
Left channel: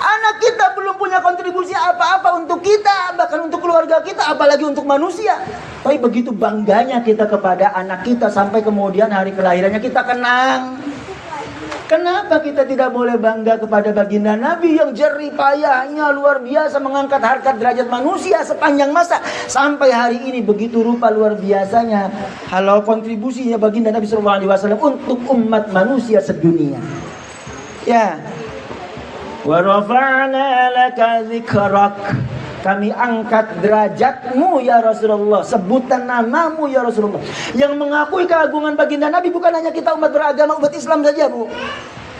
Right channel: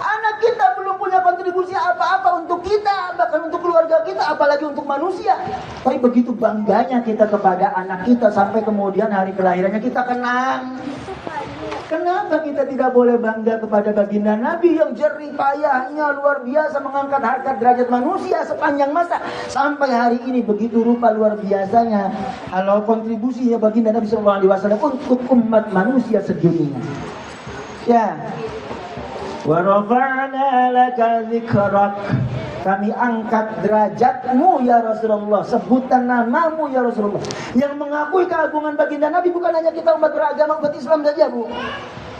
Anak kita belum punya kontribusi apa-apa untuk kita, bahkan untuk keluarga kita, apalagi untuk manusia. Tapi begitu bangganya kita kepada anak kita sampai kemudian hari kelahirannya kita kenang. Kenapa kita tidak boleh bangga kepada baginda Nabi yang jerih payahnya luar biasa mengangkat harkat derajat manusia sepanjang masa sampai hari ini begitu rupa luar biasanya. Halo, kontribusinya baginda Nabi SAW untuk umat manusia sedunia. Ya. Wa rafa'na laka dzikrak. Kami angkat derajatmu ya Rasulullah, sebutan namamu ya Rasulullah. Yang mengakui keagungan baginda Nabi bukan hanya kita umat beragama, umat Islam saja bu,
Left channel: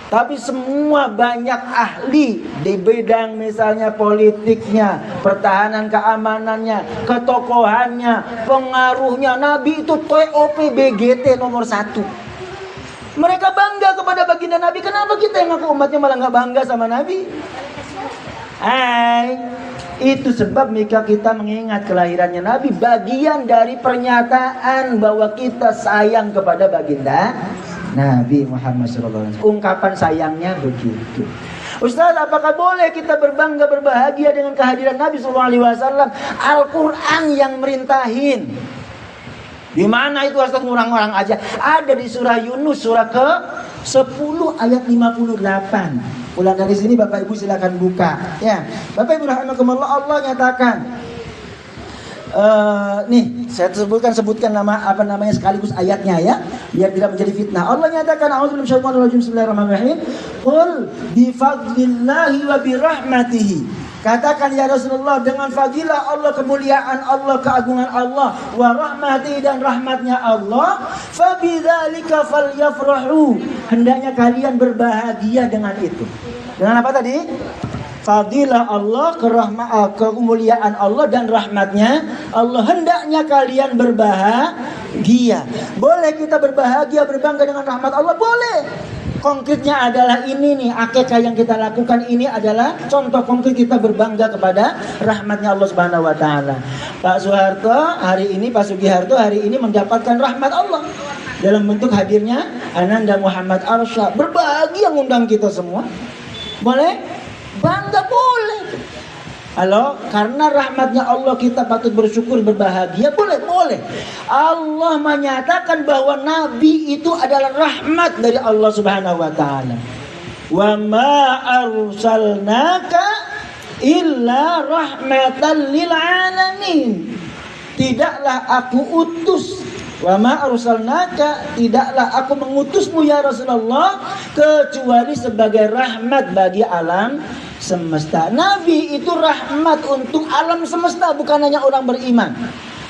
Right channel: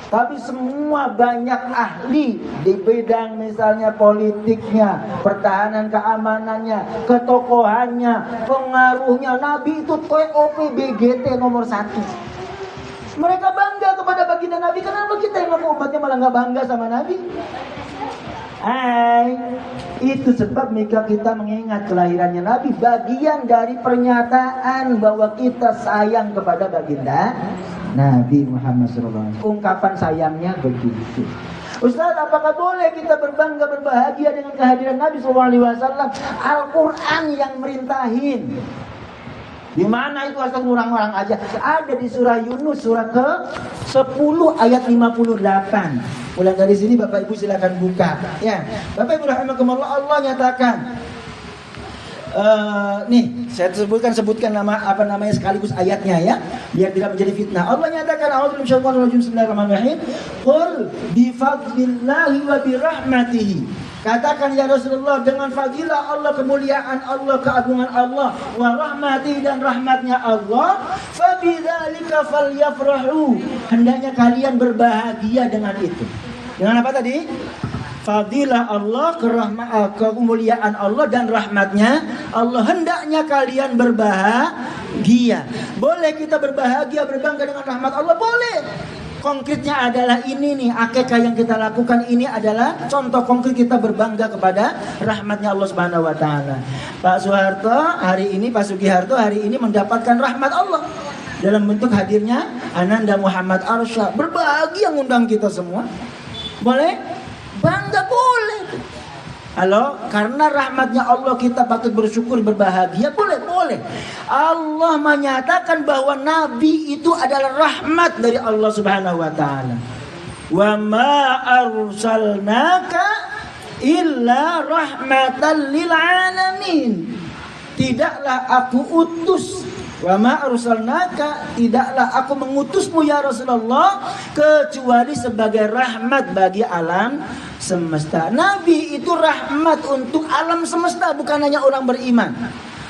tapi semua banyak ahli di bidang misalnya politiknya, pertahanan keamanannya, ketokohannya, pengaruhnya. Nabi itu TOP BGT nomor 1. Mereka bangga kepada baginda Nabi. Kenapa kita yang ngaku umatnya malah nggak bangga sama Nabi? Itu sebab jika kita mengingat kelahirannya Nabi, bagian dari pernyataan bahwa kita sayang kepada baginda Nabi Muhammad SAW. Ungkapan sayangnya begitu. Ustaz, apakah boleh kita berbangga berbahagia dengan kehadiran Nabi SAW? Al-Quran yang merintahin. Di mana itu Ustaz? Ngurang-ngurang aja. Ada di surah Yunus, surah ke-10 ayat 58. Pulang dari sini Bapak Ibu silakan buka. Ya, Bapak Ibu rahimakumullah, Allah nyatakan. Nih, saya sebutkan namanya sekaligus ayatnya ya, biar tidak menjadi fitnah. Allah nyatakan, a'udzubillahi minasyaitonir rajim, bismillahirrahmanirrahim. Qul bi fadlillahi wa bi rahmatihi. Katakan ya Rasulullah, dengan fadilah Allah, kemuliaan Allah, keagungan Allah, wa rahmati, dan rahmatnya Allah, fa bidzalika falyafrahu. Hendaknya kalian berbahagia dengan itu. Dengan apa tadi? Fadilah Allah, kemuliaan Allah dan rahmatnya Allah. Hendaknya kalian berbahagia. Boleh kita berbahagia, berbangga dengan rahmat Allah? Boleh. Konkretnya adalah ini nih, akikah yang kita lakukan ini adalah contoh konkret kita berbangga kepada rahmatnya Allah Subhanahu wa taala. Pak Soeharto hari ini, Pak Sugiharto hari ini mendapatkan rahmat Allah dalam bentuk hadirnya Ananda Muhammad Arsyad. Berbahagia ngundang kita semua. Boleh? Bangga boleh. Halo, karena rahmatnya Allah kita patut bersyukur, berbahagia. Boleh. Allah menyatakan bahwa Nabi itu adalah rahmat dari Allah Subhanahu wa taala. Wa ma arsalnaka illa rahmatan lil alamin. Tidaklah aku utus, wa ma arsalnaka, tidaklah aku mengutusmu ya Rasulullah kecuali sebagai rahmat bagi alam semesta. Nabi itu rahmat untuk alam semesta, bukan hanya orang beriman.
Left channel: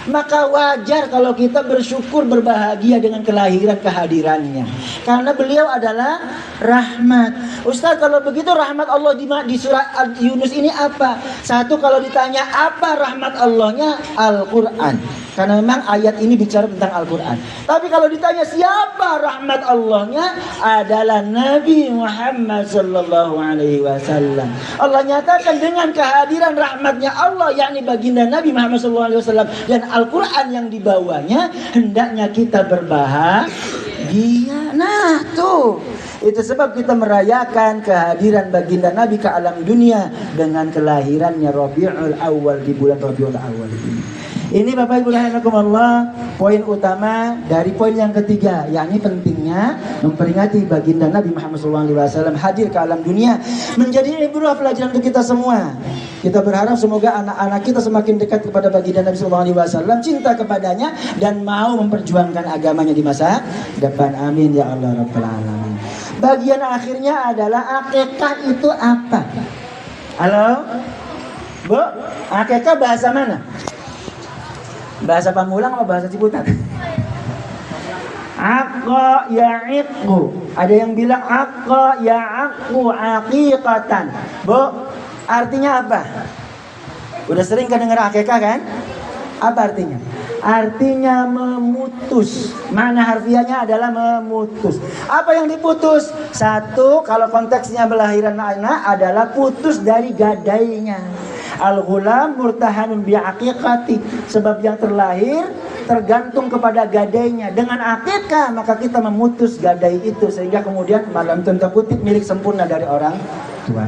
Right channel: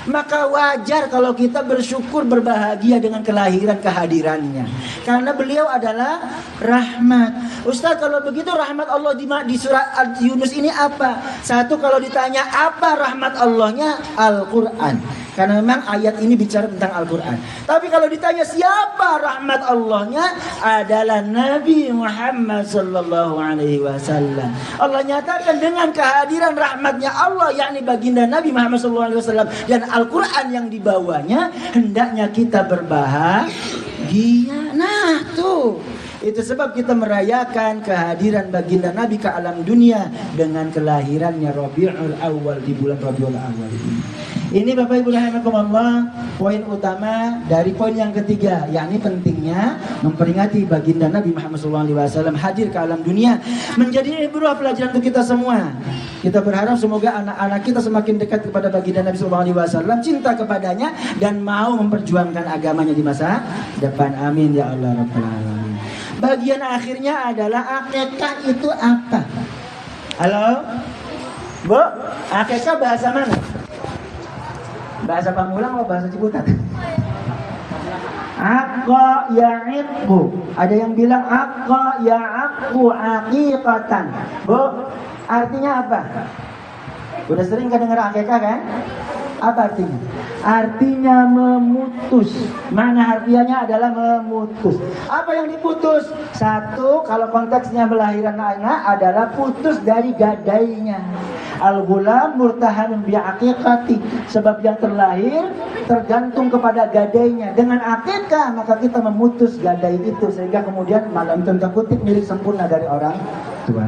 Maka wajar kalau kita bersyukur, berbahagia dengan kehadirannya, karena beliau adalah rahmat. Ustaz, kalau begitu rahmat Allah di surah Yunus ini apa? Satu, kalau ditanya apa rahmat Allahnya, Al-Quran. Karena memang ayat ini bicara tentang Al-Quran. Tapi kalau ditanya siapa rahmat Allahnya, adalah Nabi Muhammad sallallahu alaihi wasallam. Allah nyatakan dengan kehadiran rahmatnya Allah, yakni baginda Nabi Muhammad sallallahu alaihi wasallam dan Al-Quran yang dibawanya, hendaknya kita berbahagia. Nah tuh, itu sebab kita merayakan kehadiran baginda Nabi ke alam dunia dengan kelahirannya Rabiul Awal, di bulan Rabiul Awal ini. Ini Bapak Ibu rahimakumullah, poin utama dari poin yang ketiga, yakni pentingnya memperingati baginda Nabi Muhammad SAW hadir ke alam dunia, menjadi ibrah pelajaran untuk kita semua. Kita berharap semoga anak-anak kita semakin dekat kepada baginda Nabi SAW, cinta kepadanya dan mau memperjuangkan agamanya di masa depan. Amin ya Allah Rabbal Alamin. Bagian akhirnya adalah akikah itu apa? Halo? Bu, akikah bahasa mana? Bahasa Pamulang atau bahasa Ciputat? Aqqa ya'iqqu. Ada yang bilang aqqa ya'aqqu aqiqatan. Bu, artinya apa? Udah sering kan dengar akikah kan? Apa artinya? Artinya memutus. Mana harfiahnya adalah memutus. Apa yang diputus? Satu, kalau konteksnya melahirkan anak adalah putus dari gadainya. Al-ghulam murtahanun bi'aqiqati. Sebab yang terlahir tergantung kepada gadainya. Dengan akikah maka kita memutus gadai itu, sehingga kemudian dalam tanda kutip milik sempurna dari orang tua.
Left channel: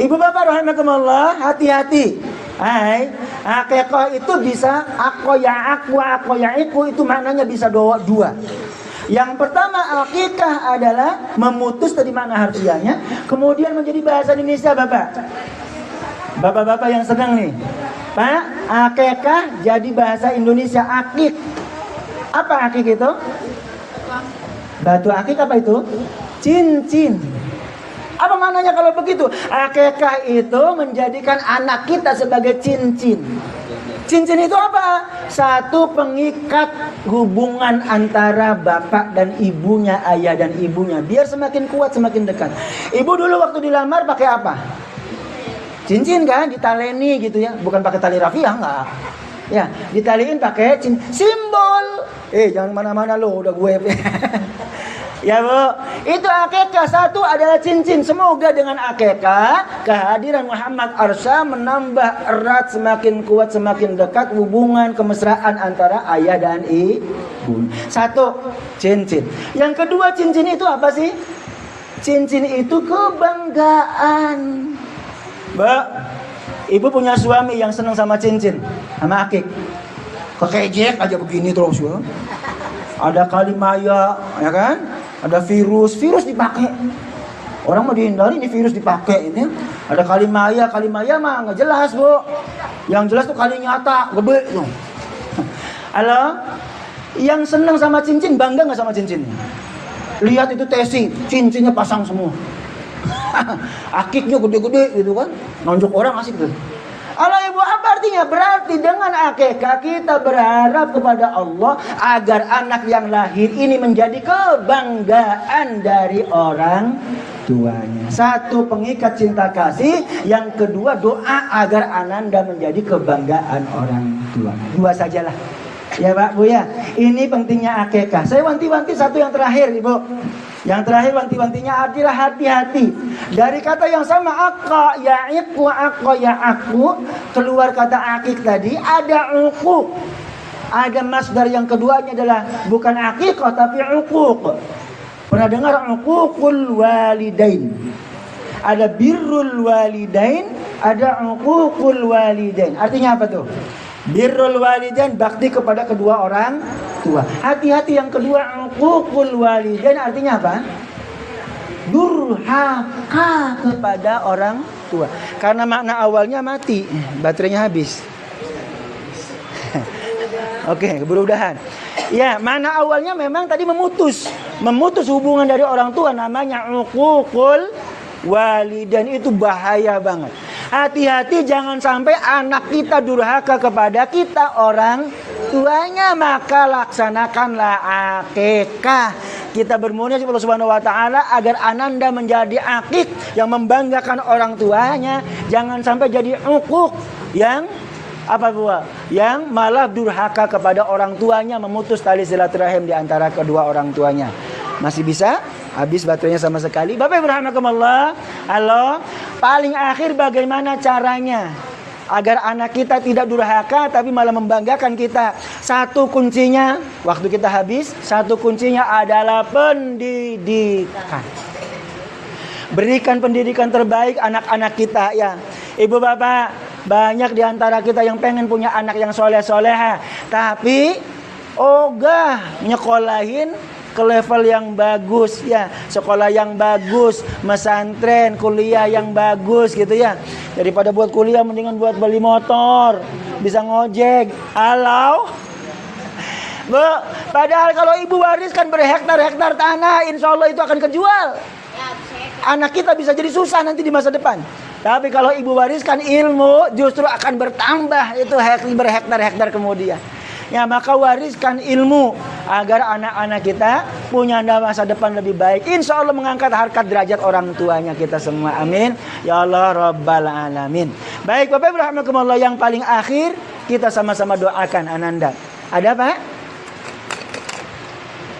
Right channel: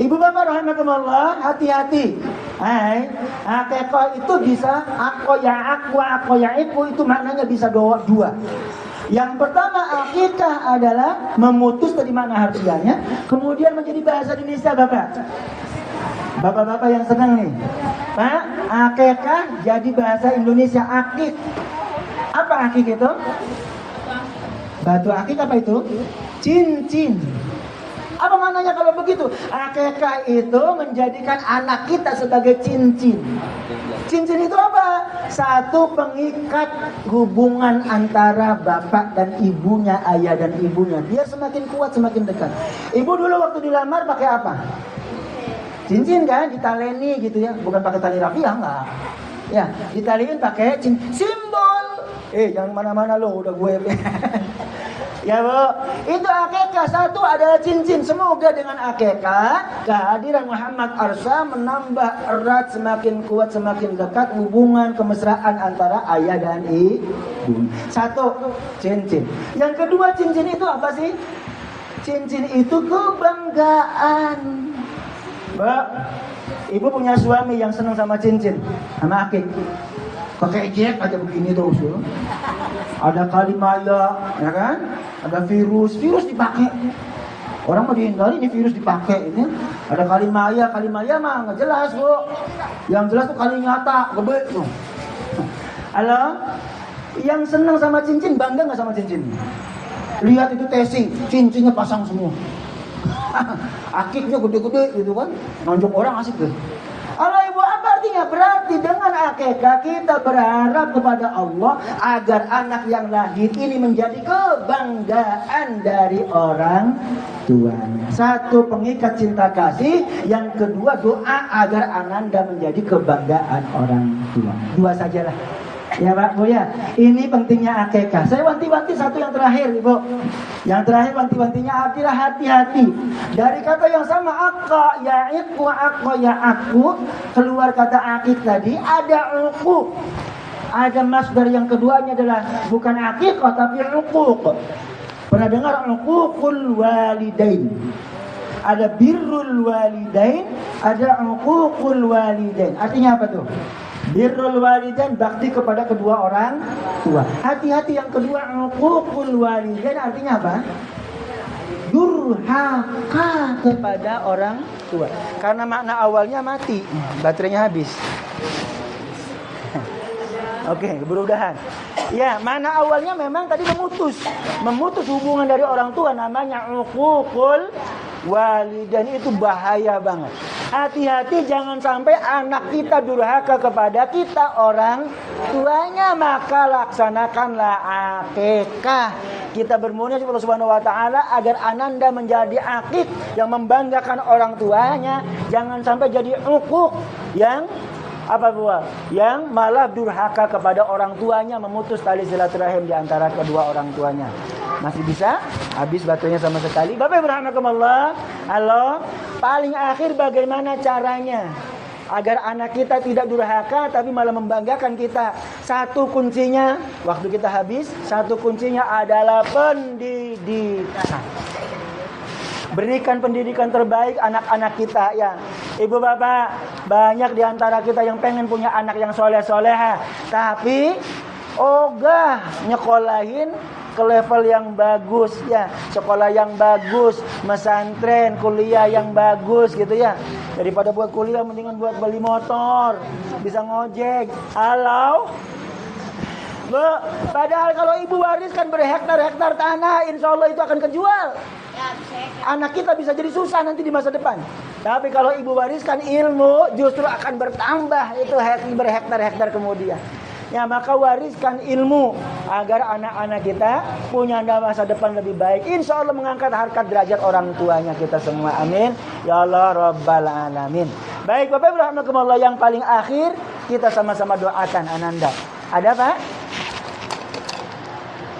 Ibu bapak rahimakumullah, hati-hati. Hai, akikah itu bisa aku ya iku, itu maknanya bisa dua. Yang pertama, akikah adalah memutus, dari mana harfiahnya, kemudian menjadi bahasa Indonesia. Bapak-bapak yang senang nih, Pak, akikah jadi bahasa Indonesia akik. Apa akik itu? Batu akik apa itu? Cincin. Apa maknanya kalau begitu? Akikah itu menjadikan anak kita sebagai cincin. Cincin itu apa? Satu, pengikat hubungan antara bapak dan ibunya, ayah dan ibunya, biar semakin kuat, semakin dekat. Ibu dulu waktu dilamar pakai apa? Cincin kan, ditaleni gitu ya, bukan pakai tali rafiah, enggak. Ya, ditaliin pakai simbol. Jangan mana-mana lo, udah gue. Ya Bu, itu akikah. Satu adalah cincin. Semoga dengan akikah kehadiran Muhammad Arsa menambah erat, semakin kuat, semakin dekat hubungan kemesraan antara ayah dan ibu. Satu, cincin. Yang kedua, cincin itu apa sih? Cincin itu kebanggaan. Mbak, ibu punya suami yang senang sama cincin, sama akik. Pakai jack aja begini terus ya. Ada kalimaya, ya kan? Ada virus dipakai. Orang mau dihindari, ini virus dipakai ini. Ada kalimaya mah nggak jelas Bu. Yang jelas tuh kali nyata, gede tuh. Halo, yang senang sama cincin, bangga nggak sama cincin? Lihat itu testing, cincinnya pasang semua. Akiknya gede-gede gitu kan, nonjok orang asik tuh. Allah ibu, apa artinya? Berarti dengan akikah kita berharap kepada Allah agar anak yang lahir ini menjadi kebanggaan dari orang tuanya. Satu, pengikat cinta kasih. Yang kedua, doa agar ananda menjadi kebanggaan orang tua. Dua sajalah. Ya Pak Bu ya, ini pentingnya akikah. Saya wanti-wanti satu yang terakhir Ibu. Yang terakhir wanti-wantinya adalah hati-hati. Dari kata yang sama, aqqa ya'iqu aqqa ya'aqu, keluar kata akik tadi, ada uquq. Ada masdar yang keduanya adalah bukan aqiqah tapi uquq. Pernah dengar uququl walidain? Ada birrul walidain, ada uququl walidain. Artinya apa tuh? Birrul walidain, bakti kepada kedua orang tua. Hati-hati yang kedua, uququl walidain artinya apa? Durhaka kepada orang tua. Karena makna awalnya mati, baterainya habis. Oke, mudah-mudahan. Ya, makna awalnya memang tadi memutus hubungan dari orang tua, namanya uququl walidain. Itu bahaya banget. Hati-hati jangan sampai anak kita durhaka kepada kita orang tuanya. Maka laksanakanlah akikah. Kita bermohon kepada Allah Subhanahu wa taala agar ananda menjadi akik yang membanggakan orang tuanya. Jangan sampai jadi uquq yang Apa pula? Yang malah durhaka kepada orang tuanya, memutus tali silaturahim di antara kedua orang tuanya. Masih bisa? Habis baterainya sama sekali. Bapak Ibu rahimakumullah. Halo. Paling akhir bagaimana caranya agar anak kita tidak durhaka tapi malah membanggakan kita? Satu kuncinya, waktu kita habis, satu kuncinya adalah pendidikan. Berikan pendidikan terbaik anak-anak kita ya. Ibu bapak, banyak di antara kita yang pengen punya anak yang soleh-soleha, tapi ogah nyekolahin ke level yang bagus ya, sekolah yang bagus, pesantren, kuliah yang bagus gitu ya. Daripada buat kuliah mendingan buat beli motor, bisa ngojek. Halo. Padahal kalau ibu wariskan berhektar-hektar tanah, insya Allah itu akan kejual. Anak kita bisa jadi susah nanti di masa depan. Tapi kalau ibu wariskan ilmu, justru akan bertambah itu berhektar-hektar kemudian. Ya, maka wariskan ilmu agar anak-anak kita punya masa depan lebih baik. Insya Allah mengangkat harkat derajat orang tuanya kita semua. Amin. Ya Allah Rabbal Alamin. Baik Bapak Ibu rahimakumullah, yang paling akhir kita sama-sama doakan Ananda. Ada Pak?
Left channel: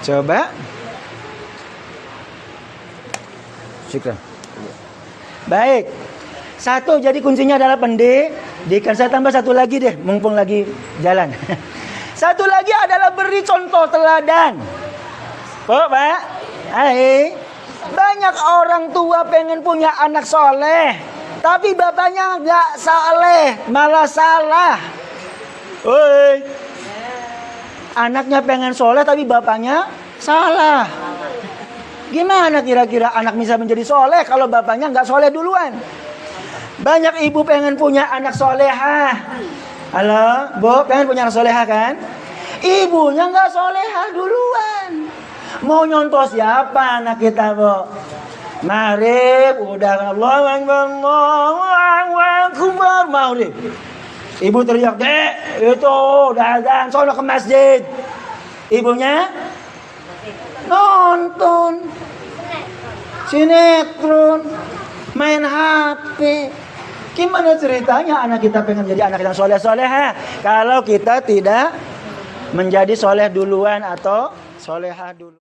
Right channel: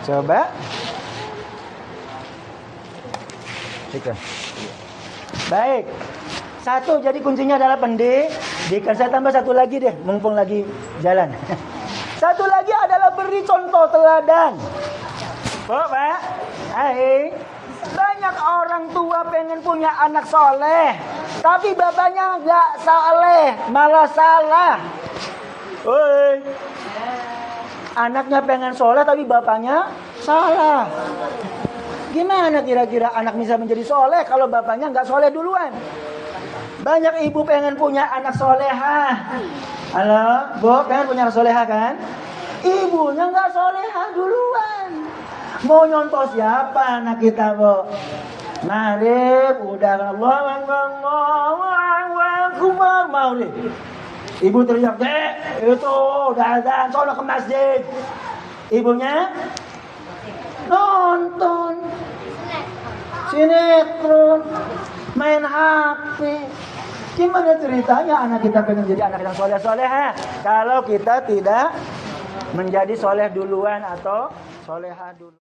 Coba. Syukur. Baik. Satu, jadi kuncinya adalah pendidikan. Saya tambah satu lagi deh, mumpung lagi jalan. Satu lagi adalah beri contoh teladan. Oh Pak, hai. Banyak orang tua pengen punya anak soleh, tapi bapaknya nggak soleh, malah salah. Woi, anaknya pengen soleh tapi bapaknya salah. Gimana kira-kira anak bisa menjadi soleh kalau bapaknya nggak soleh duluan? Banyak ibu pengen punya anak soleha. Halo, Bu, pengen punya anak soleha kan? Ibunya nggak soleha duluan. Mau nyontoh siapa anak kita, Bu? Maghrib, udah Allahu Akbar, maghrib. Ibu teriak, "Dek, itu udah azan, sono ke masjid." Ibunya nonton sinetron, main HP. Gimana ceritanya anak kita pengen jadi anak yang soleh-soleha kalau kita tidak menjadi soleh duluan atau soleha dulu?